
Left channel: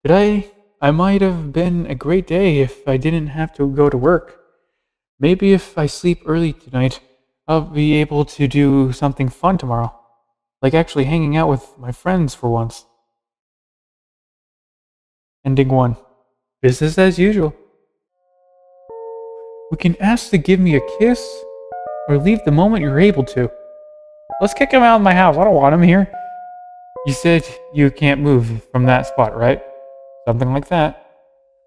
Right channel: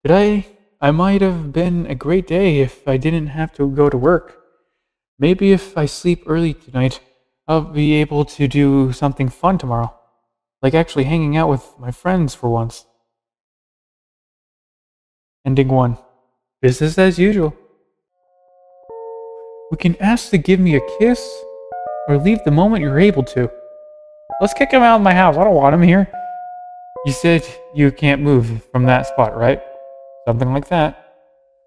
Today, I might have been a great day if I didn't have to go to work. Maybe if I sleep early tonight, I'll be able to do something fun tomorrow. Like actually hanging out with my friends for once. Ending 1. Business as usual. We can ask to give me a kiss, or leave the moment you're able to. Let's kick him out of my house. I don't want him here. You said you can't move from that spot, right? Something like that.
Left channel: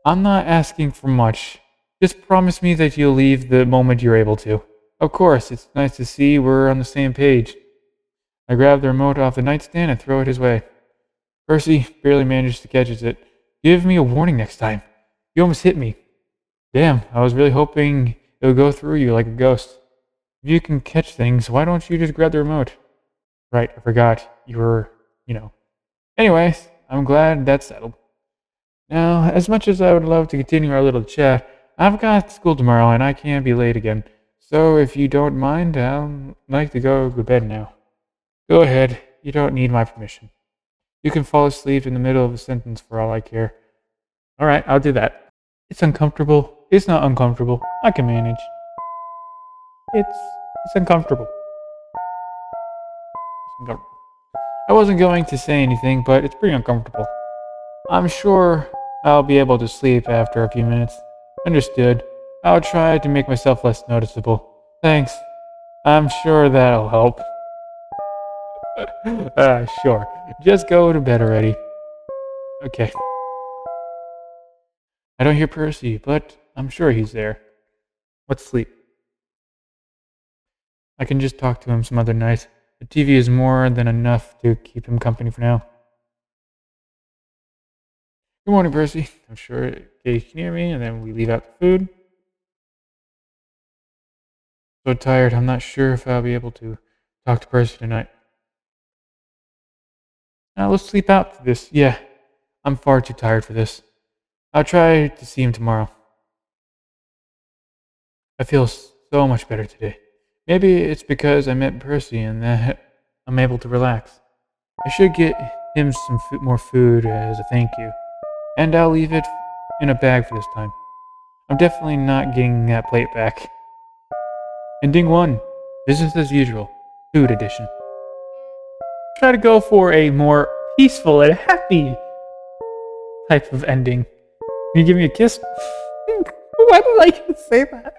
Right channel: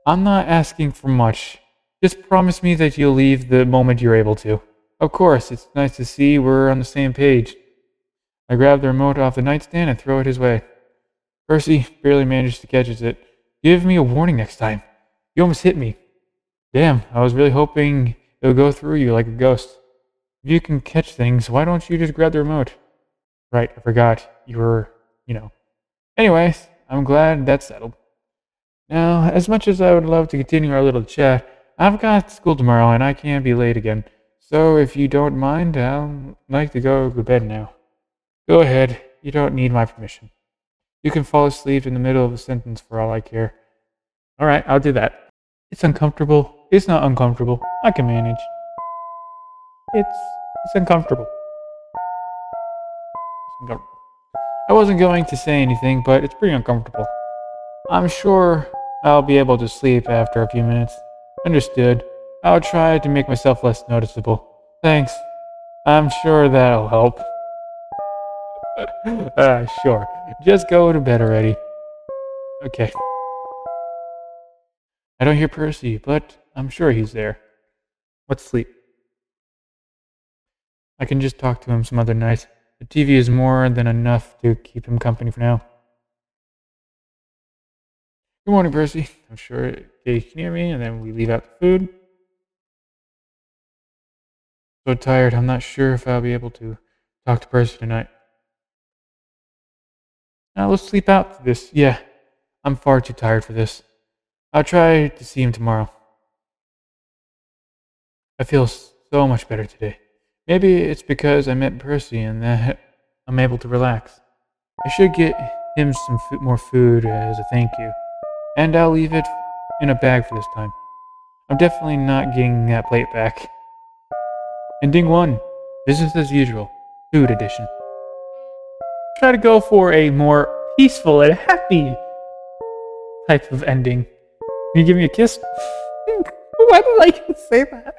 I'm not asking for much. Just promise me that you'll leave the moment you're able to. Of course, it's nice to see we're on the same page. I grab the remote off the nightstand and throw it his way. Percy barely managed to catch it. Give me a warning next time. You almost hit me. Damn, I was really hoping it'll go through you like a ghost. If you can catch things, why don't you just grab the remote? Right, I forgot. You were, Anyways, I'm glad that's settled. Now, as much as I would love to continue our little chat, I've got school tomorrow and I can't be late again. So if you don't mind, I'd like to go to bed now. Go ahead, you don't need my permission. You can fall asleep in the middle of a sentence for all I care. Alright, I'll do that. It's uncomfortable. It's not uncomfortable. I can manage. It's uncomfortable. I wasn't going to say anything, but it's pretty uncomfortable. I'm sure I'll be able to sleep after a few minutes. Understood. I'll try to make myself less noticeable. Thanks. I'm sure that'll help. Sure. Just go to bed already. Okay. I don't hear Percy, but I'm sure he's there. Let's sleep. I can just talk to him some other night. The TV is more than enough to keep him company for now. Good morning, Percy. I'm sure you can hear me, and then we leave out the food. So tired, I'm not sure if I'll be able to talk to Percy tonight. Now let's sleep out for this. Yeah, I'm far too tired for this. I'll try to see him tomorrow. I feel so much better today. Maybe it's because I met Percy and that I'm able to relax. I should get him some more food as a thank you. And I'll leave it in a bag for this time. I'm definitely not getting that plate back. Ending 1. Business as usual. Food edition. Try to go for a more peaceful and happy type of ending. Can you give me a kiss? Why did I get to say that?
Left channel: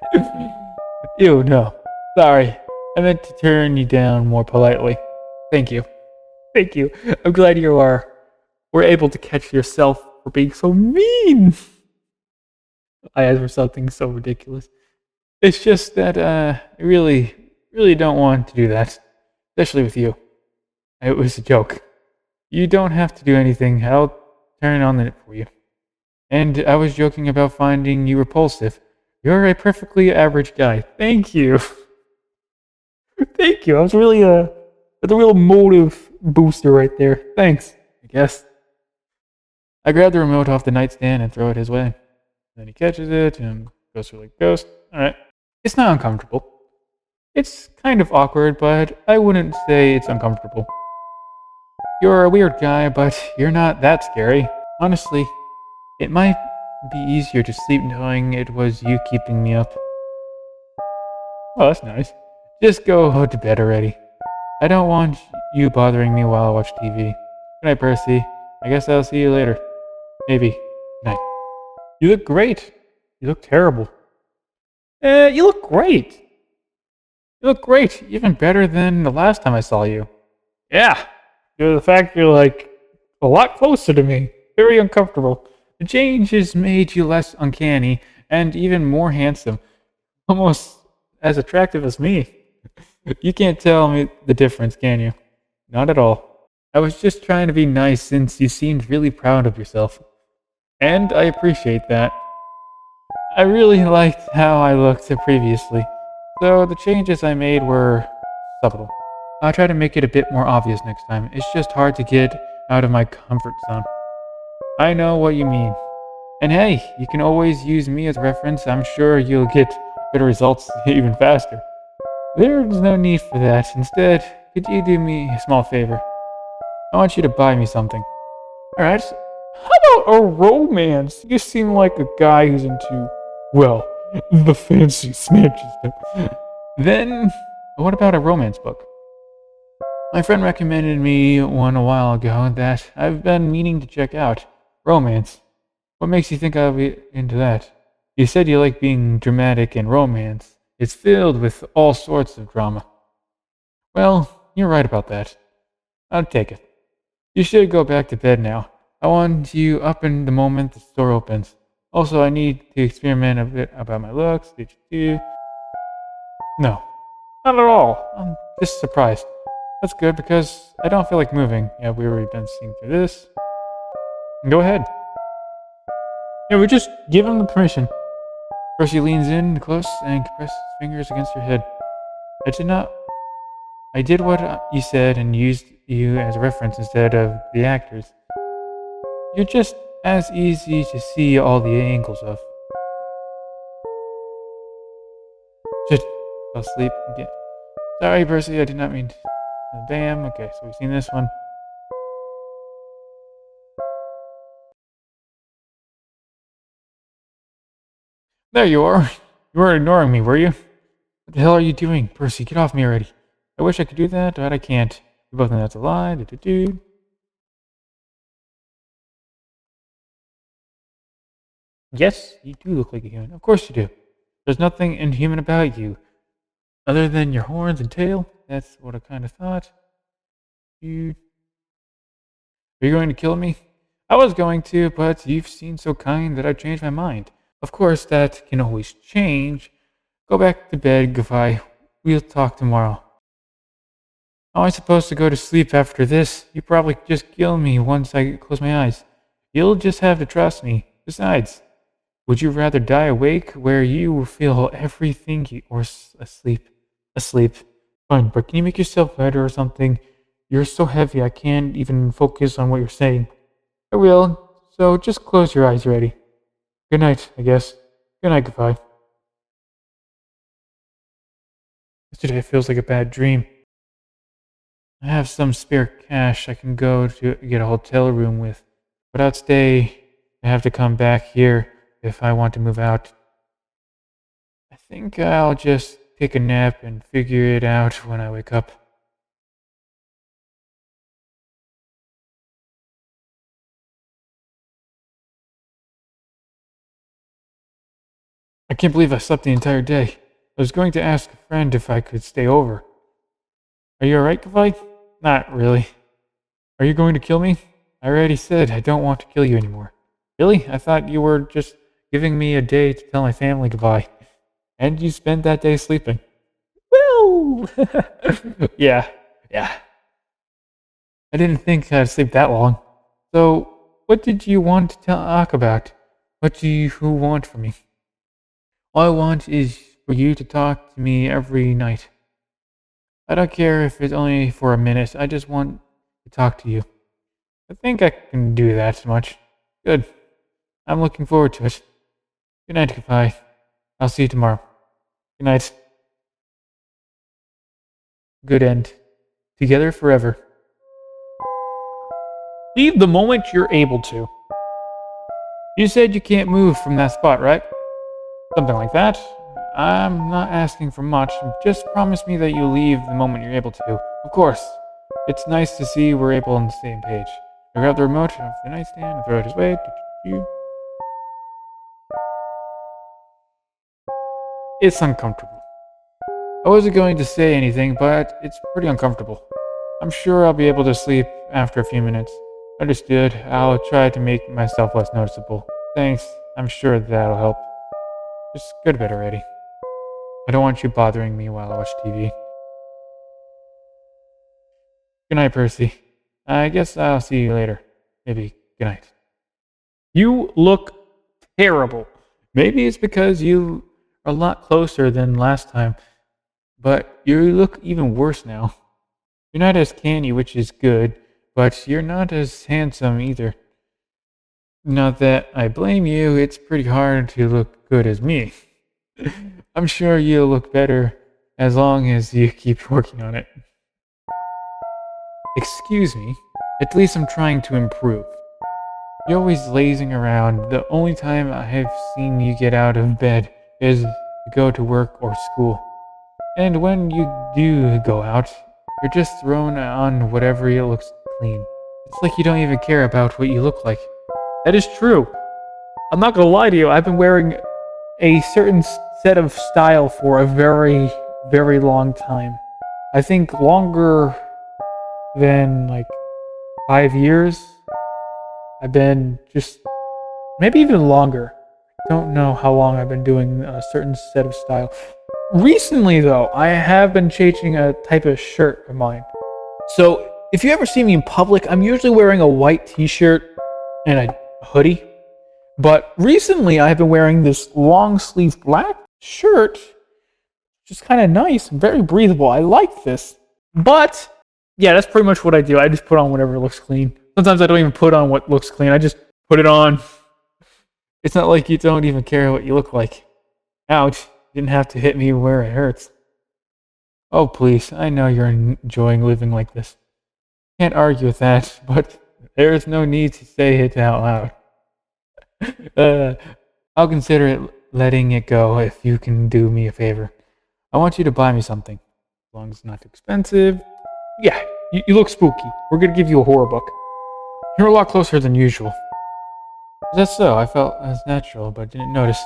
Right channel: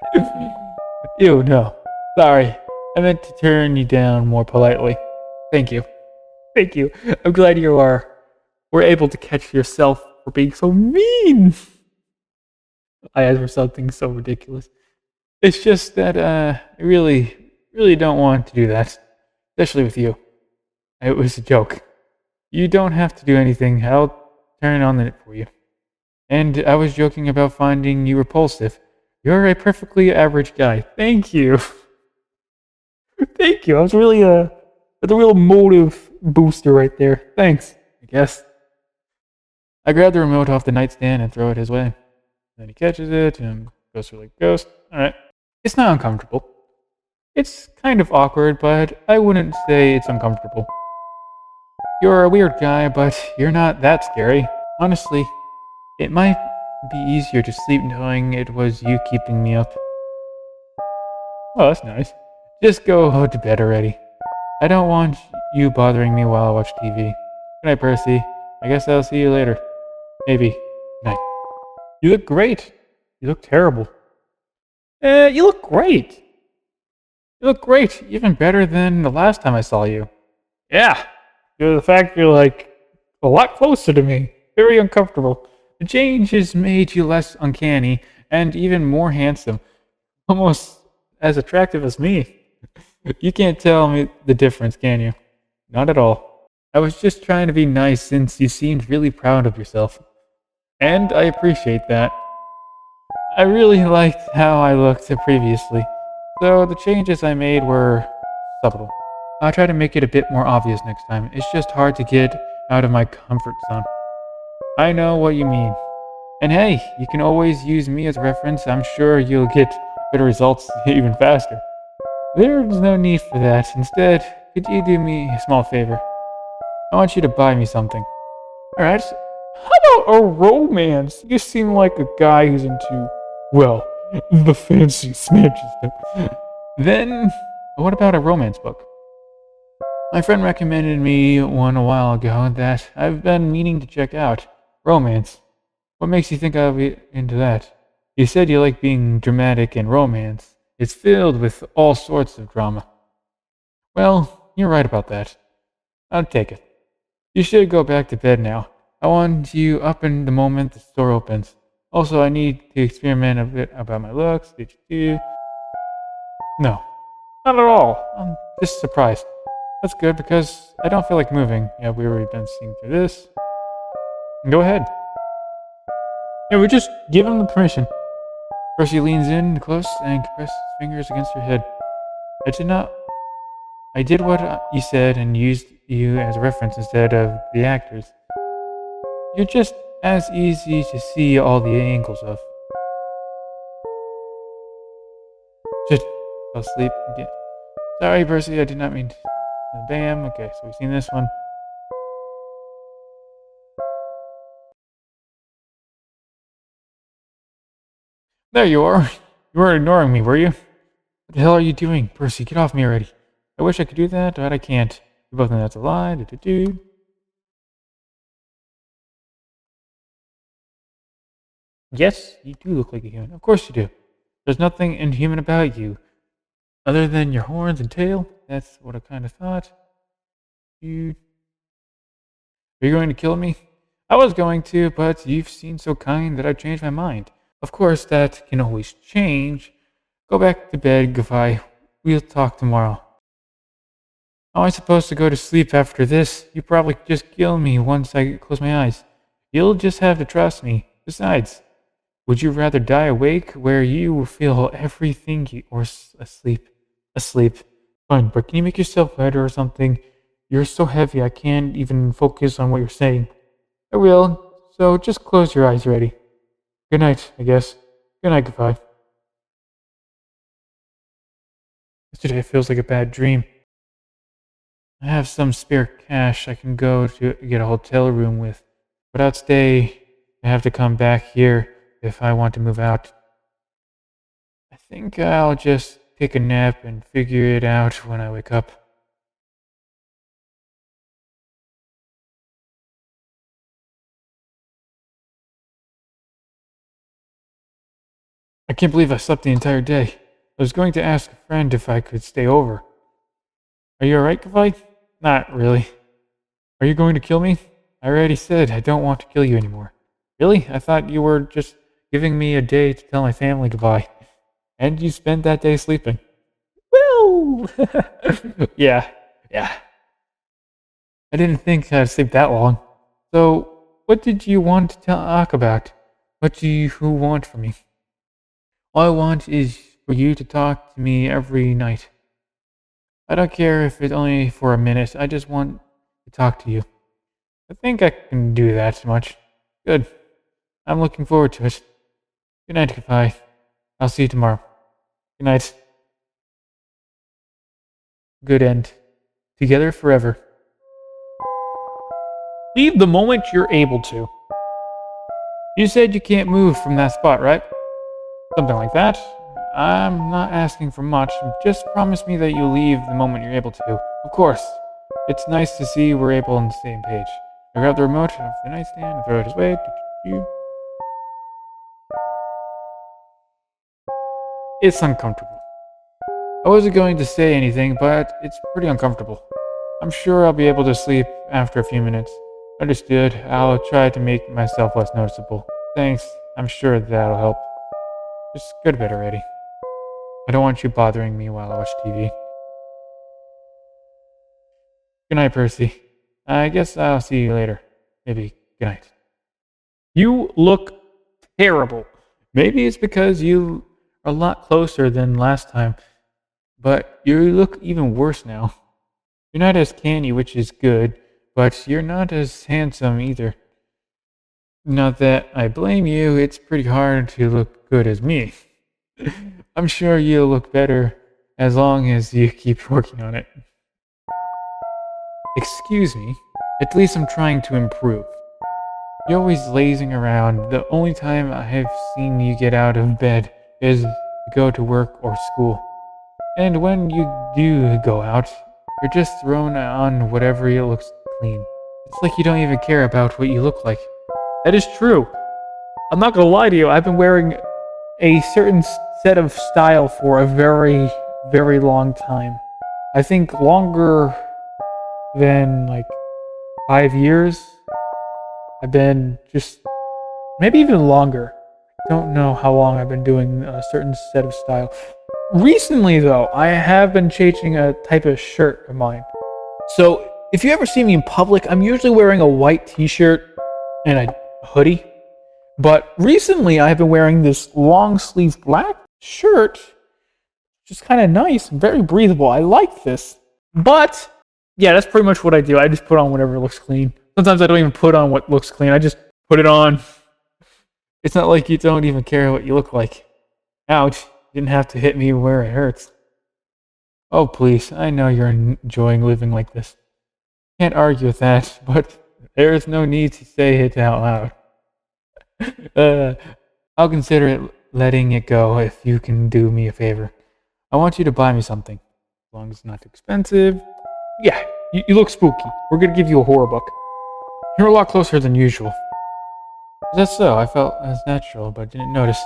Ew, no. Sorry. I meant to turn you down more politely. Thank you. Thank you. I'm glad you were able to catch yourself for being so mean. I asked for something so ridiculous. It's just that I really don't want to do that. Especially with you. It was a joke. You don't have to do anything. I'll turn on it for you. And I was joking about finding you repulsive. You're a perfectly average guy. Thank you. Thank you. I was really the real motive booster right there. Thanks, I guess. I grab the remote off the nightstand and throw it his way. Then he catches it and goes through like ghost. Alright. It's not uncomfortable. It's kind of awkward, but I wouldn't say it's uncomfortable. You're a weird guy, but you're not that scary. Honestly, it might be easier to sleep knowing it was you keeping me up. Oh, that's nice. Just go to bed already. I don't want you bothering me while I watch TV. Good night, Percy. I guess I'll see you later. Maybe. Good night. You look great. You look terrible. You look great. You look great. Even better than the last time I saw you. Yeah. The fact you're like a lot closer to me. Very uncomfortable. The change has made you less uncanny and even more handsome. Almost as attractive as me. You can't tell me the difference, can you? Not at all. I was just trying to be nice since you seemed really proud of yourself. And I appreciate that. I really liked how I looked previously, so the changes I made were subtle. I'll try to make it a bit more obvious next time. It's just hard to get out of my comfort zone. I know what you mean. And hey, you can always use me as reference. I'm sure you'll get better results even faster. There's no need for that. Instead, could you do me a small favor? I want you to buy me something. Alright. How about a romance? You seem like a guy who's into, well, the fancy smidges stuff. Then, what about a romance book? My friend recommended me one a while ago that I've been meaning to check out. Romance. What makes you think I'll be into that? You said you like being dramatic in romance. It's filled with all sorts of drama. Well, you're right about that. I'll take it. You should go back to bed now. I want you up in the moment the store opens. Also, I need to experiment a bit about my looks. No, not at all. I'm just surprised. That's good because I don't feel like moving. Yeah, we've already been seeing through this. Go ahead. Yeah, we just give him the permission. Percy leans in close and compresses his fingers against her head. I did what you said and used you as a reference instead of the actors. You're just as easy to see all the angles of. Just fell asleep again. Sorry, Percy, I did not mean to. Damn, okay, so we've seen this one. There you are. You were ignoring me, were you? What the hell are you doing? Percy, get off me already. I wish I could do that, but I can't. We both know that's a lie. Yes, you do look like a human. Of course you do. There's nothing inhuman about you. Other than your horns and tail. That's what I kind of thought. Are you going to kill me? I was going to, but you've seemed so kind that I changed my mind. Of course, that can always change. Go back to bed, goodbye. We'll talk tomorrow. How am I supposed to go to sleep after this? You probably just kill me once I close my eyes. You'll just have to trust me. Besides, would you rather die awake where you feel everything or asleep? Asleep. Fine, but can you make yourself better or something? You're so heavy I can't even focus on what you're saying. I will, so just close your eyes already. Good night, I guess. Good night, goodbye. Yesterday feels like a bad dream. I have some spare cash I can go to get a hotel room with. But I'd stay. I have to come back here if I want to move out. I think I'll just take a nap and figure it out when I wake up. I can't believe I slept the entire day. I was going to ask a friend if I could stay over. Are you alright, Kavai? Not really. Are you going to kill me? I already said I don't want to kill you anymore. Really? I thought you were just giving me a day to tell my family goodbye. And you spent that day sleeping. Woo! Yeah. I didn't think I'd sleep that long. So, what did you want to talk about? What do you want from me? All I want is for you to talk to me every night. I don't care if it's only for a minute. I just want to talk to you. I think I can do that much. Good. I'm looking forward to it. Good night, goodbye. I'll see you tomorrow. Good night. Good end. Together forever. Leave the moment you're able to. You said you can't move from that spot, right? Something like that. I'm not asking for much. Just promise me that you'll leave the moment you're able to. Of course. It's nice to see we're able on the same page. I grab the remote off the nightstand and throw it his way. It's uncomfortable. I wasn't going to say anything, but it's pretty uncomfortable. I'm sure I'll be able to sleep after a few minutes. Understood. I'll try to make myself less noticeable. Thanks. I'm sure that'll help. Just go to bed already. I don't want you bothering me while I watch TV. Good night, Percy. I guess I'll see you later. Maybe good night. You look terrible. Maybe it's because you are a lot closer than last time, but you look even worse now. You're not as canny, which is good, but you're not as handsome either. Not that I blame you, it's pretty hard to look good as me. I'm sure you'll look better as long as you keep working on it. Excuse me, at least I'm trying to improve. You're always lazing around. The only time I've seen you get out of bed is to go to work or school. And when you do go out, you're just thrown on whatever looks clean. It's like you don't even care about what you look like. That is true. I'm not gonna lie to you, I've been wearing a certain set of style for a very, very long time. I think longer than 5 years. I've been just, maybe even longer. Don't know how long I've been doing a certain set of style. Recently though, I have been changing a type of shirt of mine. So if you ever see me in public, I'm usually wearing a white t-shirt and a hoodie. But recently I've been wearing this long sleeve black shirt, which is kind of nice, very breathable. I like this. But yeah, that's pretty much what I do. I just put on whatever looks clean. Sometimes I don't even put on what looks clean. I just put it on. It's not like you don't even care what you look like. Ouch. You didn't have to hit me where it hurts. Oh, please. I know you're enjoying living like this. Can't argue with that, but there's no need to say it out loud. I'll consider it letting it go if you can do me a favor. I want you to buy me something. As long as it's not too expensive. Yeah, you look spooky. We're gonna give you a horror book. You're a lot closer than usual. Is that so? I felt that was natural, but didn't notice.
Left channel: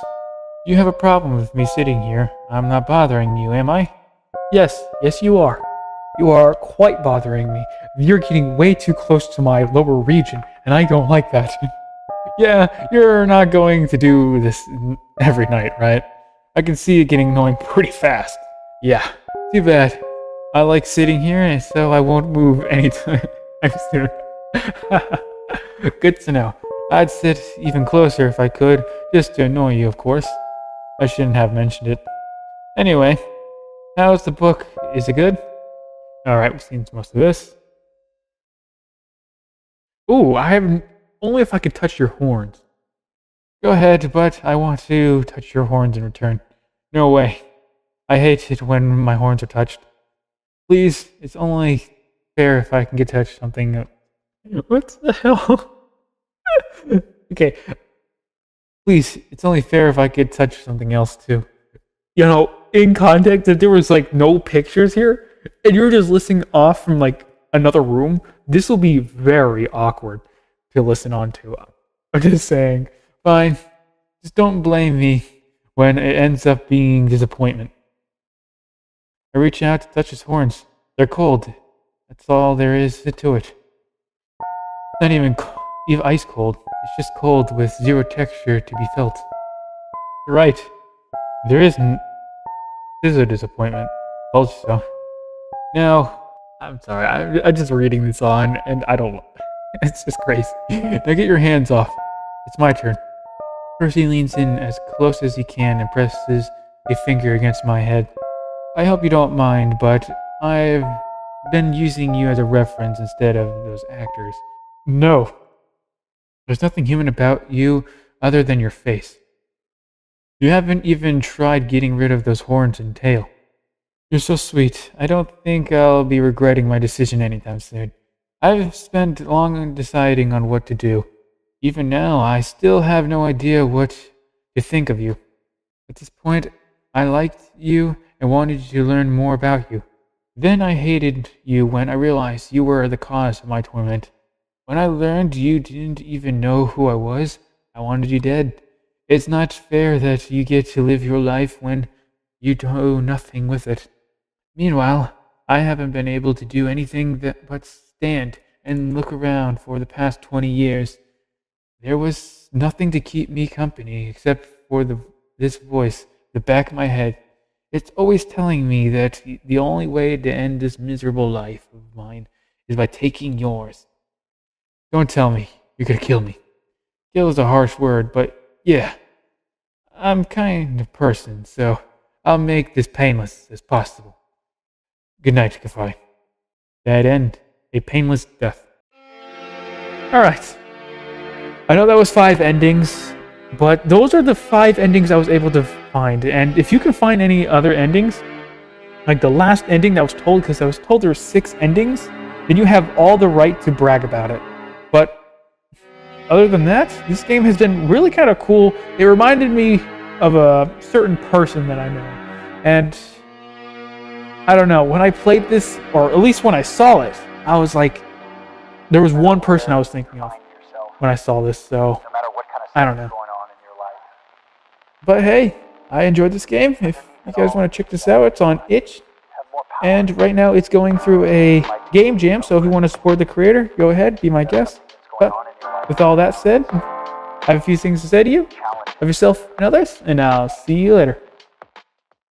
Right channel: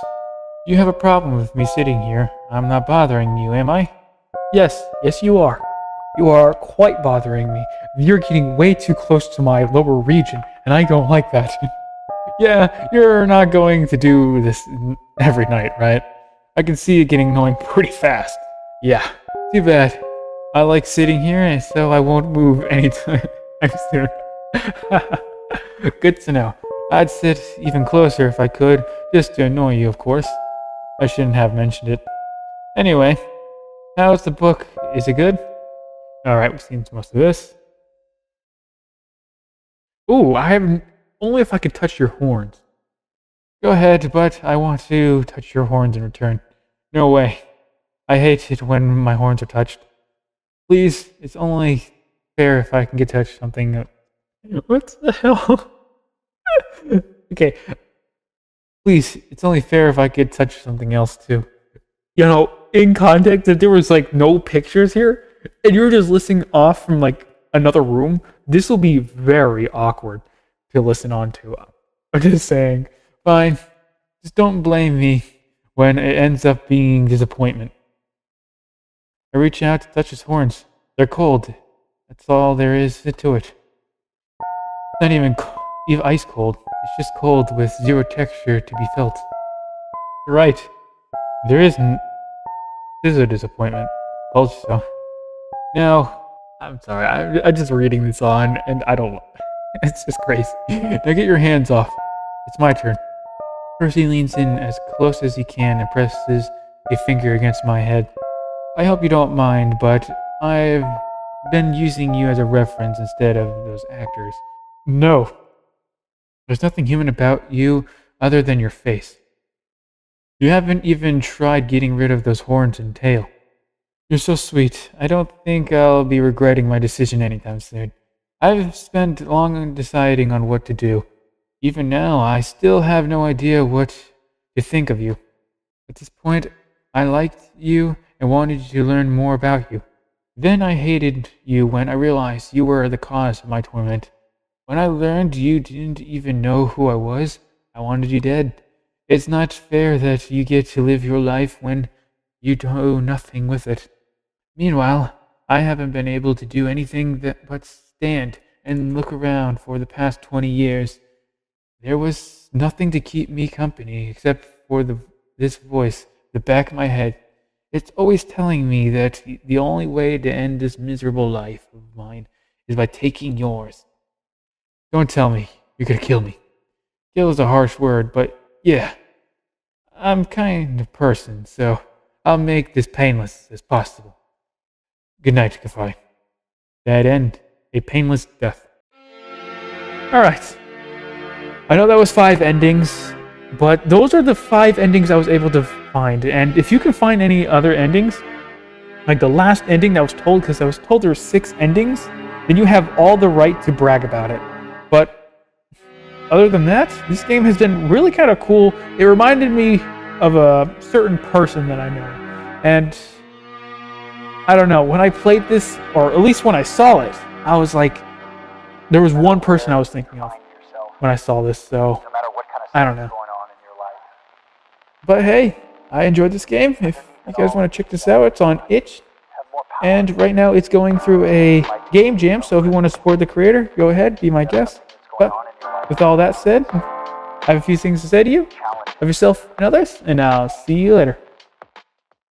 You have a problem with me sitting here. I'm not bothering you, am I? Yes, you are. You are quite bothering me. You're getting way too close to my lower region, and I don't like that. Yeah, you're not going to do this every night, right? I can see it getting annoying pretty fast. Yeah, too bad. I like sitting here, and so I won't move anytime soon. Good to know. I'd sit even closer if I could, just to annoy you, of course. I shouldn't have mentioned it. Anyway, how's the book? Is it good? Alright, we've seen most of this. Ooh, only if I can touch your horns. Go ahead, but I want to touch your horns in return. No way. I hate it when my horns are touched. Please, it's only fair if I can get touched something. What the hell? Okay. Please, it's only fair if I could touch something else too. You know, in context, if there was no pictures here, and you're just listening off from another room, this will be very awkward to listen on to. I'm just saying, fine. Just don't blame me when it ends up being disappointment. I reach out to touch his horns. They're cold. That's all there is to it. It's not even ice cold. It's just cold with zero texture to be felt. You're right. There isn't. This is a disappointment. Also. Now, I'm sorry. I'm just reading this on, and I don't. It's just crazy. Now get your hands off. It's my turn. Percy leans in as close as he can and presses a finger against my head. I hope you don't mind, but I've been using you as a reference instead of those actors. No. There's nothing human about you other than your face. You haven't even tried getting rid of those horns and tail. You're so sweet. I don't think I'll be regretting my decision anytime soon. I've spent long deciding on what to do. Even now, I still have no idea what to think of you. At this point, I liked you and wanted to learn more about you. Then I hated you when I realized you were the cause of my torment. When I learned you didn't even know who I was, I wanted you dead. It's not fair that you get to live your life when you do nothing with it. Meanwhile, I haven't been able to do anything but stand and look around for the past 20 years. There was nothing to keep me company except for this voice in the back of my head. It's always telling me that the only way to end this miserable life of mine is by taking yours. Don't tell me you're gonna kill me. Kill is a harsh word, but yeah, I'm kind of person, so I'll make this painless as possible. Good night, 𝒂𝒓. That end, a painless death. Alright. I know that was 5 endings, but those are the 5 endings I was able to find. And if you can find any other endings, like the last ending that was told, because I was told there were 6 endings, then you have all the right to brag about it. But other than that, this game has been really kind of cool. It reminded me of a certain person that I know. And I don't know, when I played this, or at least when I saw it, I was like, there was one person I was thinking of when I saw this, so I don't know. But hey, I enjoyed this game. If you guys want to check this out, it's on itch. And right now it's going through a game jam, so if you want to support the creator, go ahead, be my guest. But with all that said, I have a few things to say to you. Have yourself and others, and I'll see you later.